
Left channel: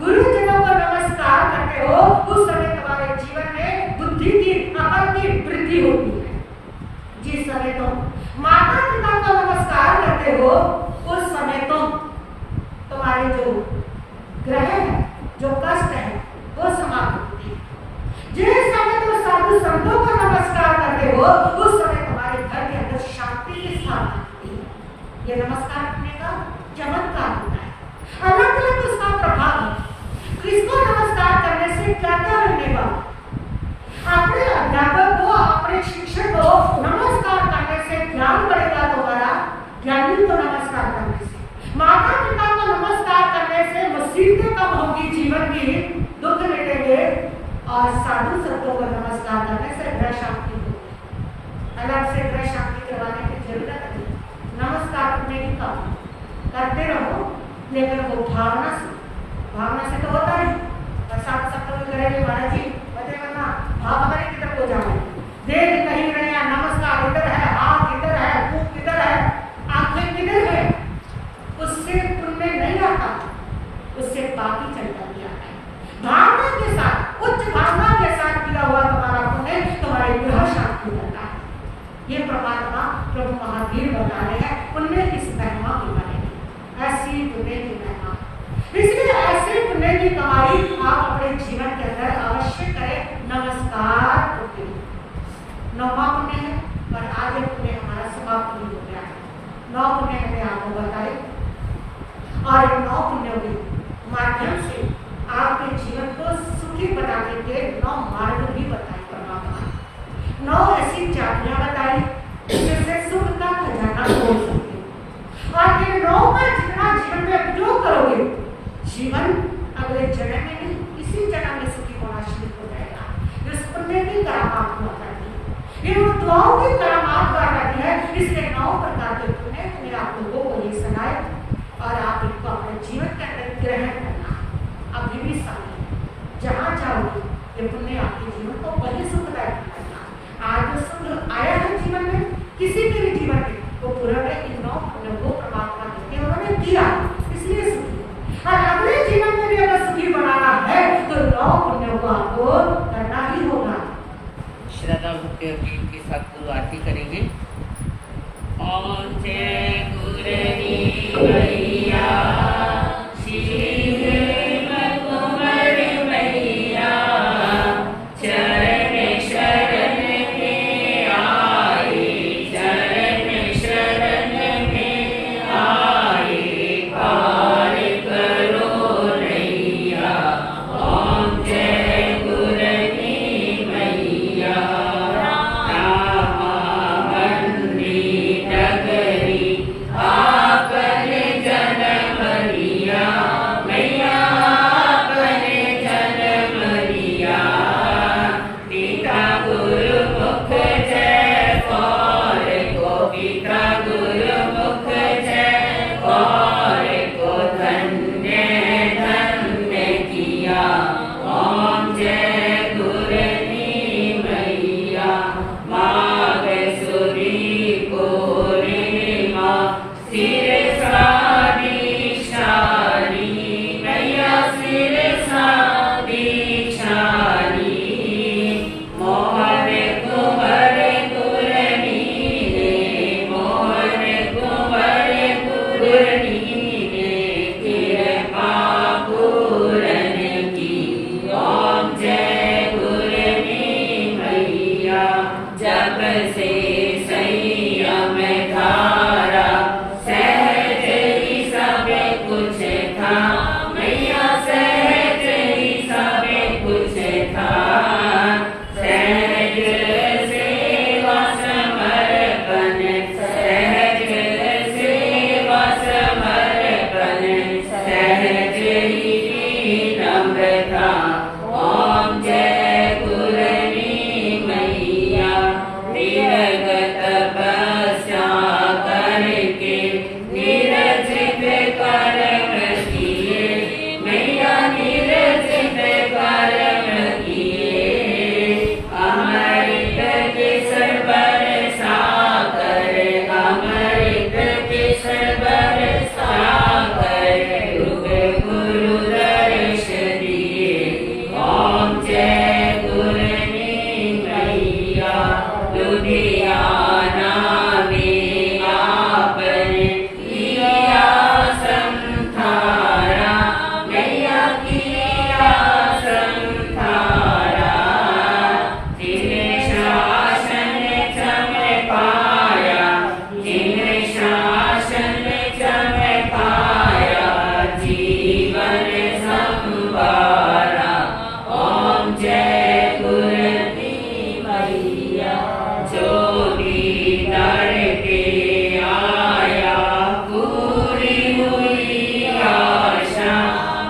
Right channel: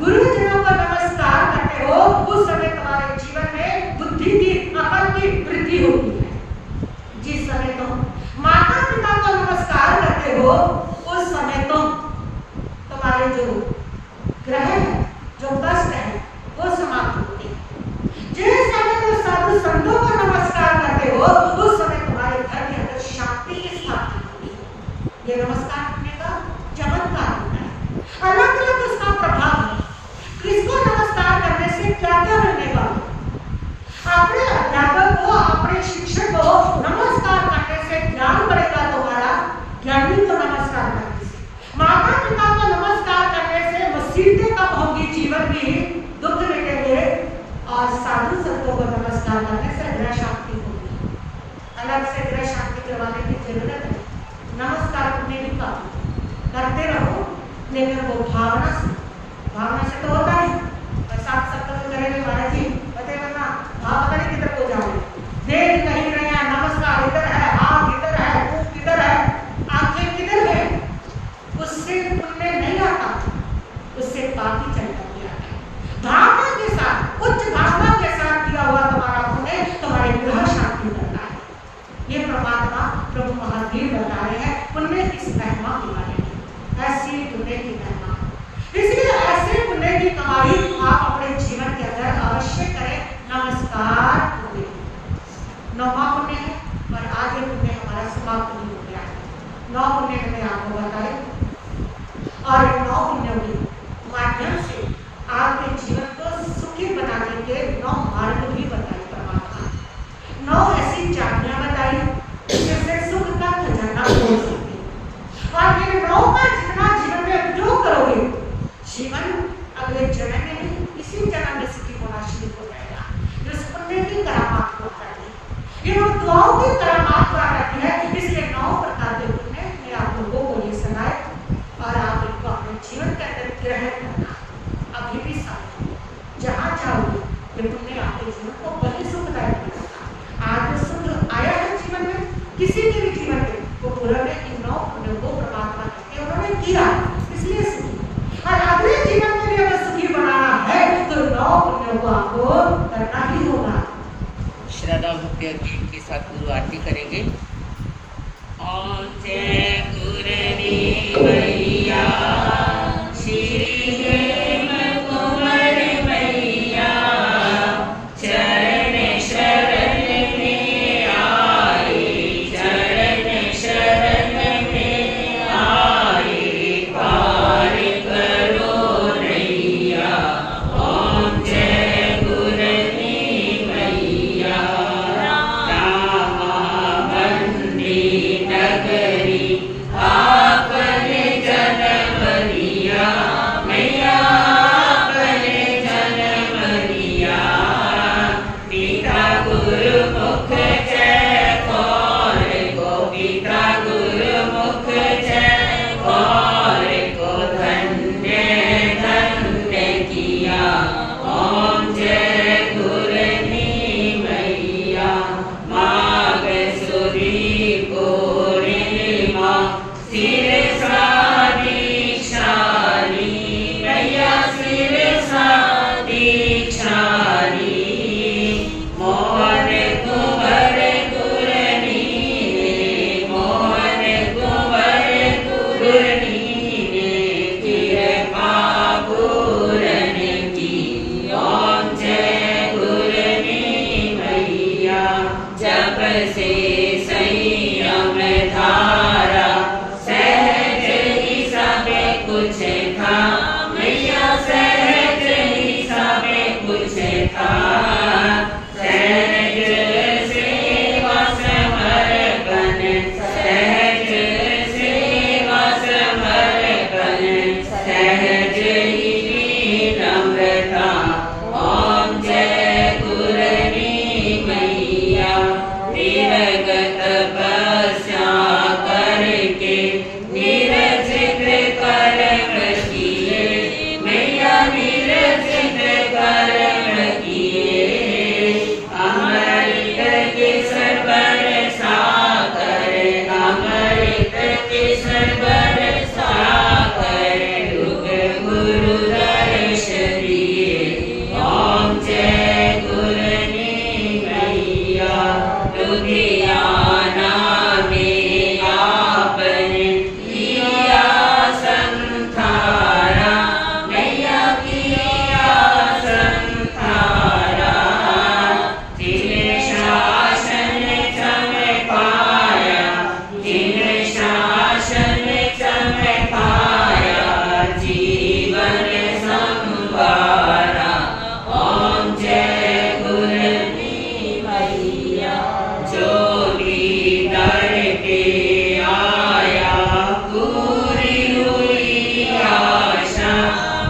गुरुजनों को नमस्कार करते हो उस समय तुम्हारे जीवन में बुद्धि की, अकल की वृद्धि होती है। जिस समय तुम माता पिता को नमस्कार करते हो उस समय तुम्हारे जो ग्रह है, जो कष्ट है वो समाप्त होते हैं। जिस समय तुम साधु संतों को नमस्कार करते हो उस समय तुम्हारे घर के अंदर शांति की स्थापना होती है। ये नमस्कार करने का चमत्कार होता है, अलग अलग उसका प्रभाव है। किसको नमस्कार करने से क्या क्या मिलने वाला? अपने अध्यापक को, अपने शिक्षक को नमस्कार करने से ज्ञान बढ़ेगा तुम्हारा, ज्ञानी को नमस्कार करने से। माता पिता को नमस्कार करने से मुसीबतें कम होगी, जीवन की दुख मिटेंगे, और साधु संतों को नमस्कार करने से ग्रह शांति होगी। अलग से ग्रह शांति करवाने की जरूरत नहीं, नमस्कार करने की काम करते रहो, लेकिन वो भावना से तो होता नहीं। और साथ सब लोग करेंगे महाराज जी बताइए, वरना हाँ पता नहीं किधर को जाओगे, देख कहीं रहे हैं, नमस्कार इधर है, हाथ इधर है, मुंह किधर है, आंखें किधर है, उससे पुण्य नहीं आता, उससे पाप ही चलता दिया है। भावना के साथ, उच्च भावना के साथ किया हुआ तुम्हारा पुण्य तुम्हारे ग्रह शांति करता है। ये परमात्मा प्रभु महावीर बता रहे हैं पुण्य की महिमा के बारे में। ऐसी पुण्य की महिमा, इसलिए ऐसे पुण्य की कमाई आप अपने जीवन के अंदर अवश्य करें। नमस्कार पुण्य 9वां पुण्य है, और आज ये पुण्य हमारा समाप्त नहीं हो गया है। 9 पुण्य मैंने आपको बताए, और इन 9 पुण्यों के माध्यम से आपके जीवन को सुखी बनाने के 9 मार्ग भी बताए परमात्मा ने। 9 ऐसी चाबियां बताई जिससे सुख का खजाना खोल सकते हो, और इन 9 का जितना जीवन में उपयोग करोगे, जीवन अगले जन्म में नहीं, इसी जन्म में सुखी होना शुरू हो जाएगा। इस पुण्य की करामात हुआ करती है, इन दुआओं की करामात हुआ करती है। इसलिए 9 प्रकार के पुण्य ने आप लोगों को ये सुनाए, और आप इनको अपने जीवन के अंदर ग्रहण करना। अभी भी समय है, जहाँ जाओगे ये पुण्य आपके जीवन को बड़े सुखदायक बनाएगा। आज जो सुख आया है जीवन में, किसी के भी जीवन में, वो पूर्ण ने इन 9 पुण्यों को परमात्मा कहते उन्होंने किया, इसलिए सुखी। और अगले जीवन में भी अगर सुखी बनाना है तो 9 पुण्यों को आपको करना ही होगा। श्रद्धा भक्ति के साथ गुरु आरती करेंगे। ओम जय गुरु मैया श्री हेम कुंवर मैया, चरण शरण में आए, चरण शरण में आए, पार करो नैया। ओम जय गुरु मैया, रामा भंडी नगरी आपन जन्म लिया, मैया आपन जन्म लिया। पिता गुरु मुख जय कौर को, पिता गुरु मुख जय कौर को धन्य धन्य किया। ओम जय गुरनी मैया, माग सुरी पूर्णिमा सिर सारी शानी, मैया सिर सारी शानी। मोहन कुंवर गुरनी ने, मोहन कुंवर गुरनी ने कृपा पूरन की। ओम जय गुरनी मैया, जब से संयम धारा सहज ही सब कुछ था, मैया सहज ही सब कुछ था। सहज सेवा समर्पण, सहज सेवा समर्पण, सहज ही नम्रता। ओम जय गुरनी मैया, निरगत तपस्या करके निरजित कर्म किए, मैया निरजित कर्म किए। अमृत केसर बरसा कर, अमृत केसर बरसा कर, युग गुरु दर्श दिए। ओम जय गुरनी मैया, लुधियाना में आपने किया संथारा, मैया किया संथारा। जिन शासन चमकाया, जिन शासन चमकाया, जीवन संवारा। ओम जय गुरनी मैया, जो भी दर के आया पूरी हुई आशा,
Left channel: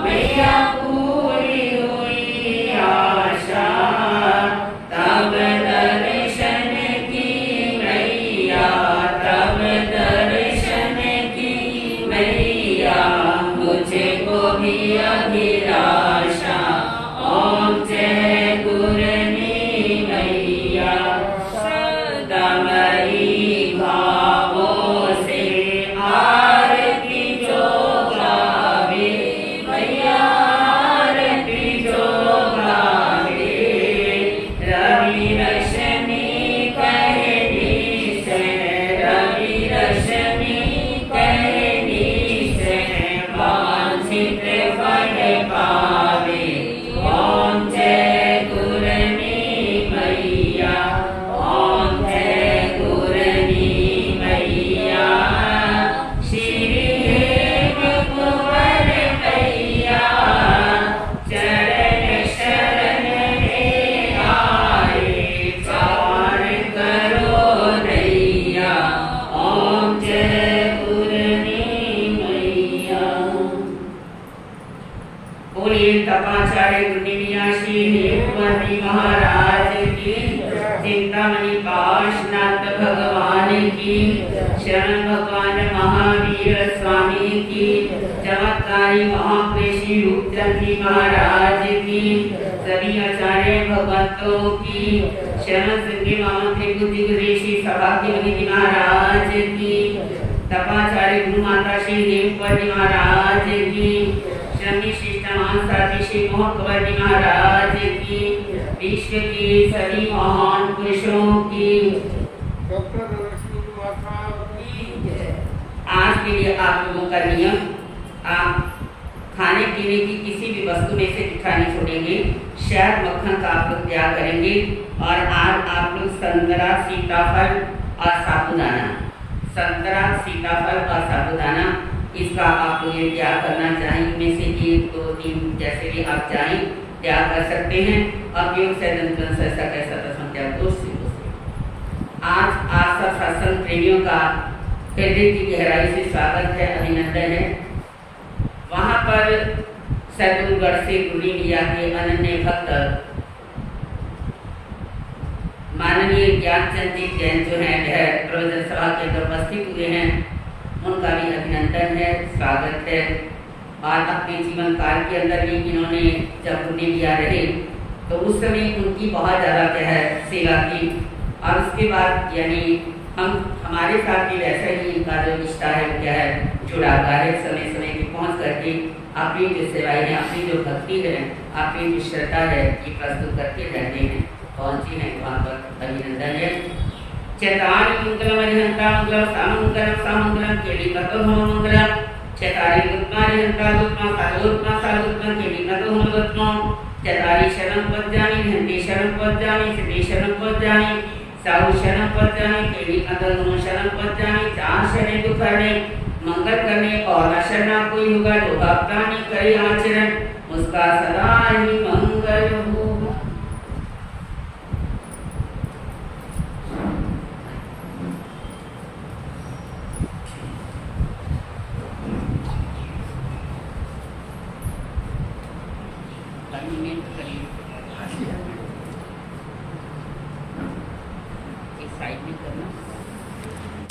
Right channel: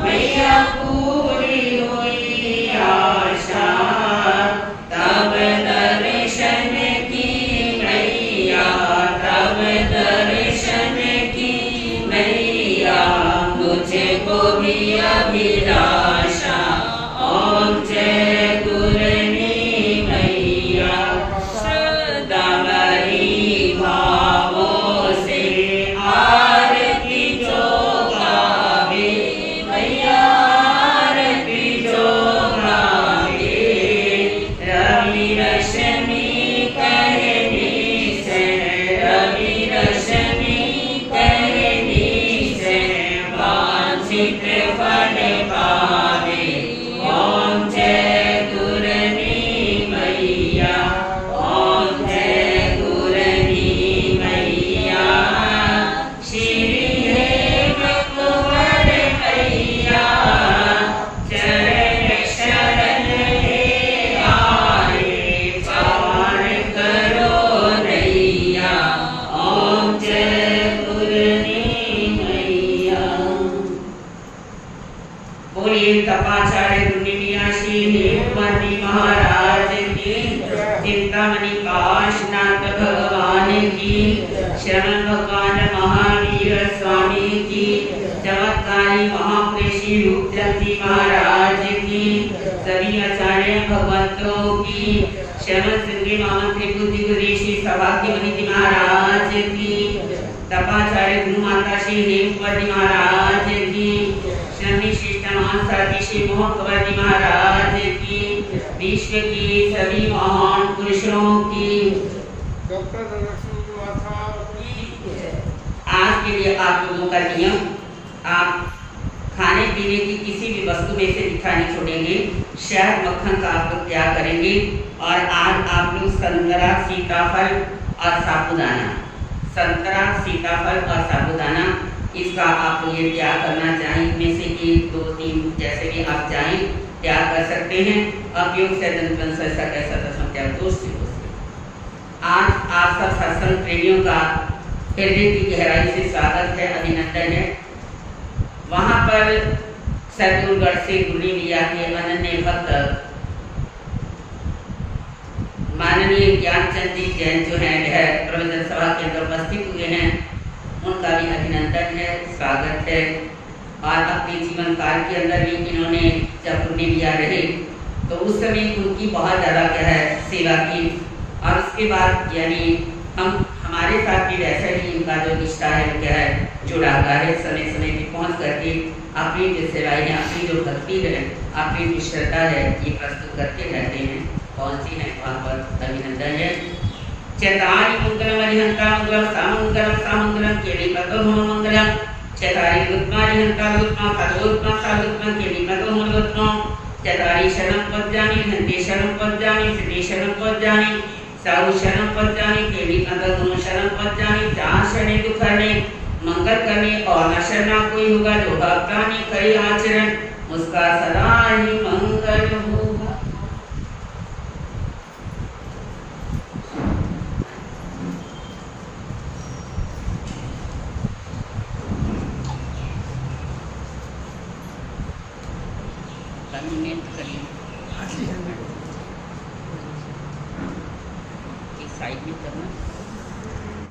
मैया पूरी हुई आशा। तब दर्शन की मैया, तब दर्शन की मैया, मुझको भी अभिलाषा। ओम जय गुरनी मैया, सदामही भावों से आरती जो गावे, मैया आरती जो गावे। रवि रश्मि कहनी से, रवि रश्मि कहनी से, वांछित फल पावे। ओम जय गुरनी मैया, ओम जय गुरनी मैया, श्री हेम कुंवर मैया, चरण शरण में आए, पार करो नैया। ओम जय गुरनी मैया। बोलिए तपाचार्य गुरुनिमिया श्री हेमवती महाराज की, चिंतामणि पाशनाथ भगवान की, शरण भगवान महावीर स्वामी की, चमत्कारी महापुरुष श्री रूपचंद जी महाराज की, सभी आचार्य भगवंतों की, श्रवण सिंह महामंत्री बुद्धि गुरु श्री सौभाग्य मणि जी महाराज की, तपाचार्य गुरु माता श्री हेमकुंवर जी महाराज की, श्रमी शिष्ट महासाथी श्री मोहन कंवर जी महाराज की, विश्व की सभी महान पुरुषों की। आज के लिए आप लोगों का नियम, आप खाने पीने की किसी भी वस्तु में से मीठा नहीं छोड़ेंगे, शहद मक्खन का आप लोग त्याग करेंगे। और आज आप लोग संतरा, सीताफल और साबूदाना, संतरा, सीताफल और साबूदाना, इसका आप लोग ये त्याग करना चाहिए। इनमें से 1, 2, 3 जैसे भी आप चाहें त्याग कर सकते हैं। अपयोग से दंतवंश ऐसा कैसा तस्म त्याग दोष से। आज आप सब सत्संग प्रेमियों का हृदय की गहराई से स्वागत है, अभिनंदन है। वहाँ पर सदगुरुगढ़ से गुरली मिया के अनन्य भक्त माननीय ज्ञानचंद जी जैन जो हैं वह प्रवचन सभा के अंदर उपस्थित हुए हैं, उनका भी अभिनंदन है, स्वागत है। और अपने जीवन काल के अंदर भी इन्होंने जब गुरली मिया रहे तो उस समय उनकी बहुत ज़्यादा क्या है सेवा की। और उसके बाद यानी हमारे साथ भी वैसा ही इनका जो रिश्ता है वो क्या है जुड़ा हुआ है। समय समय पे पहुँच करके अपनी जो सेवाएं हैं, अपनी जो भक्ति है, अपनी जो श्रद्धा है, ये प्रस्तुत करके रहते हैं। पहुँचे हैं वहाँ पर, अभिनंदन है। चैतारी मंगलम अरिहंता मंगलम सामंगलम सामंगलम केली पतो मंगलम, चैतारी गुत्मारी हंता गुत्मा साधुत्मा साधुत्मा केली पतो गुत्मा, चैतारी शरण पज्जानी हंते शरण पज्जानी सिद्धि शरण पज्जानी साहु शरण पज्जानी केली पतो शरण पज्जानी, चार शरणे दुख हरणे मंगल करने और न शरणा कोई होगा जो भक्तानी करे आचरण, उसका सदा ही मंगल हो। साइड में करना।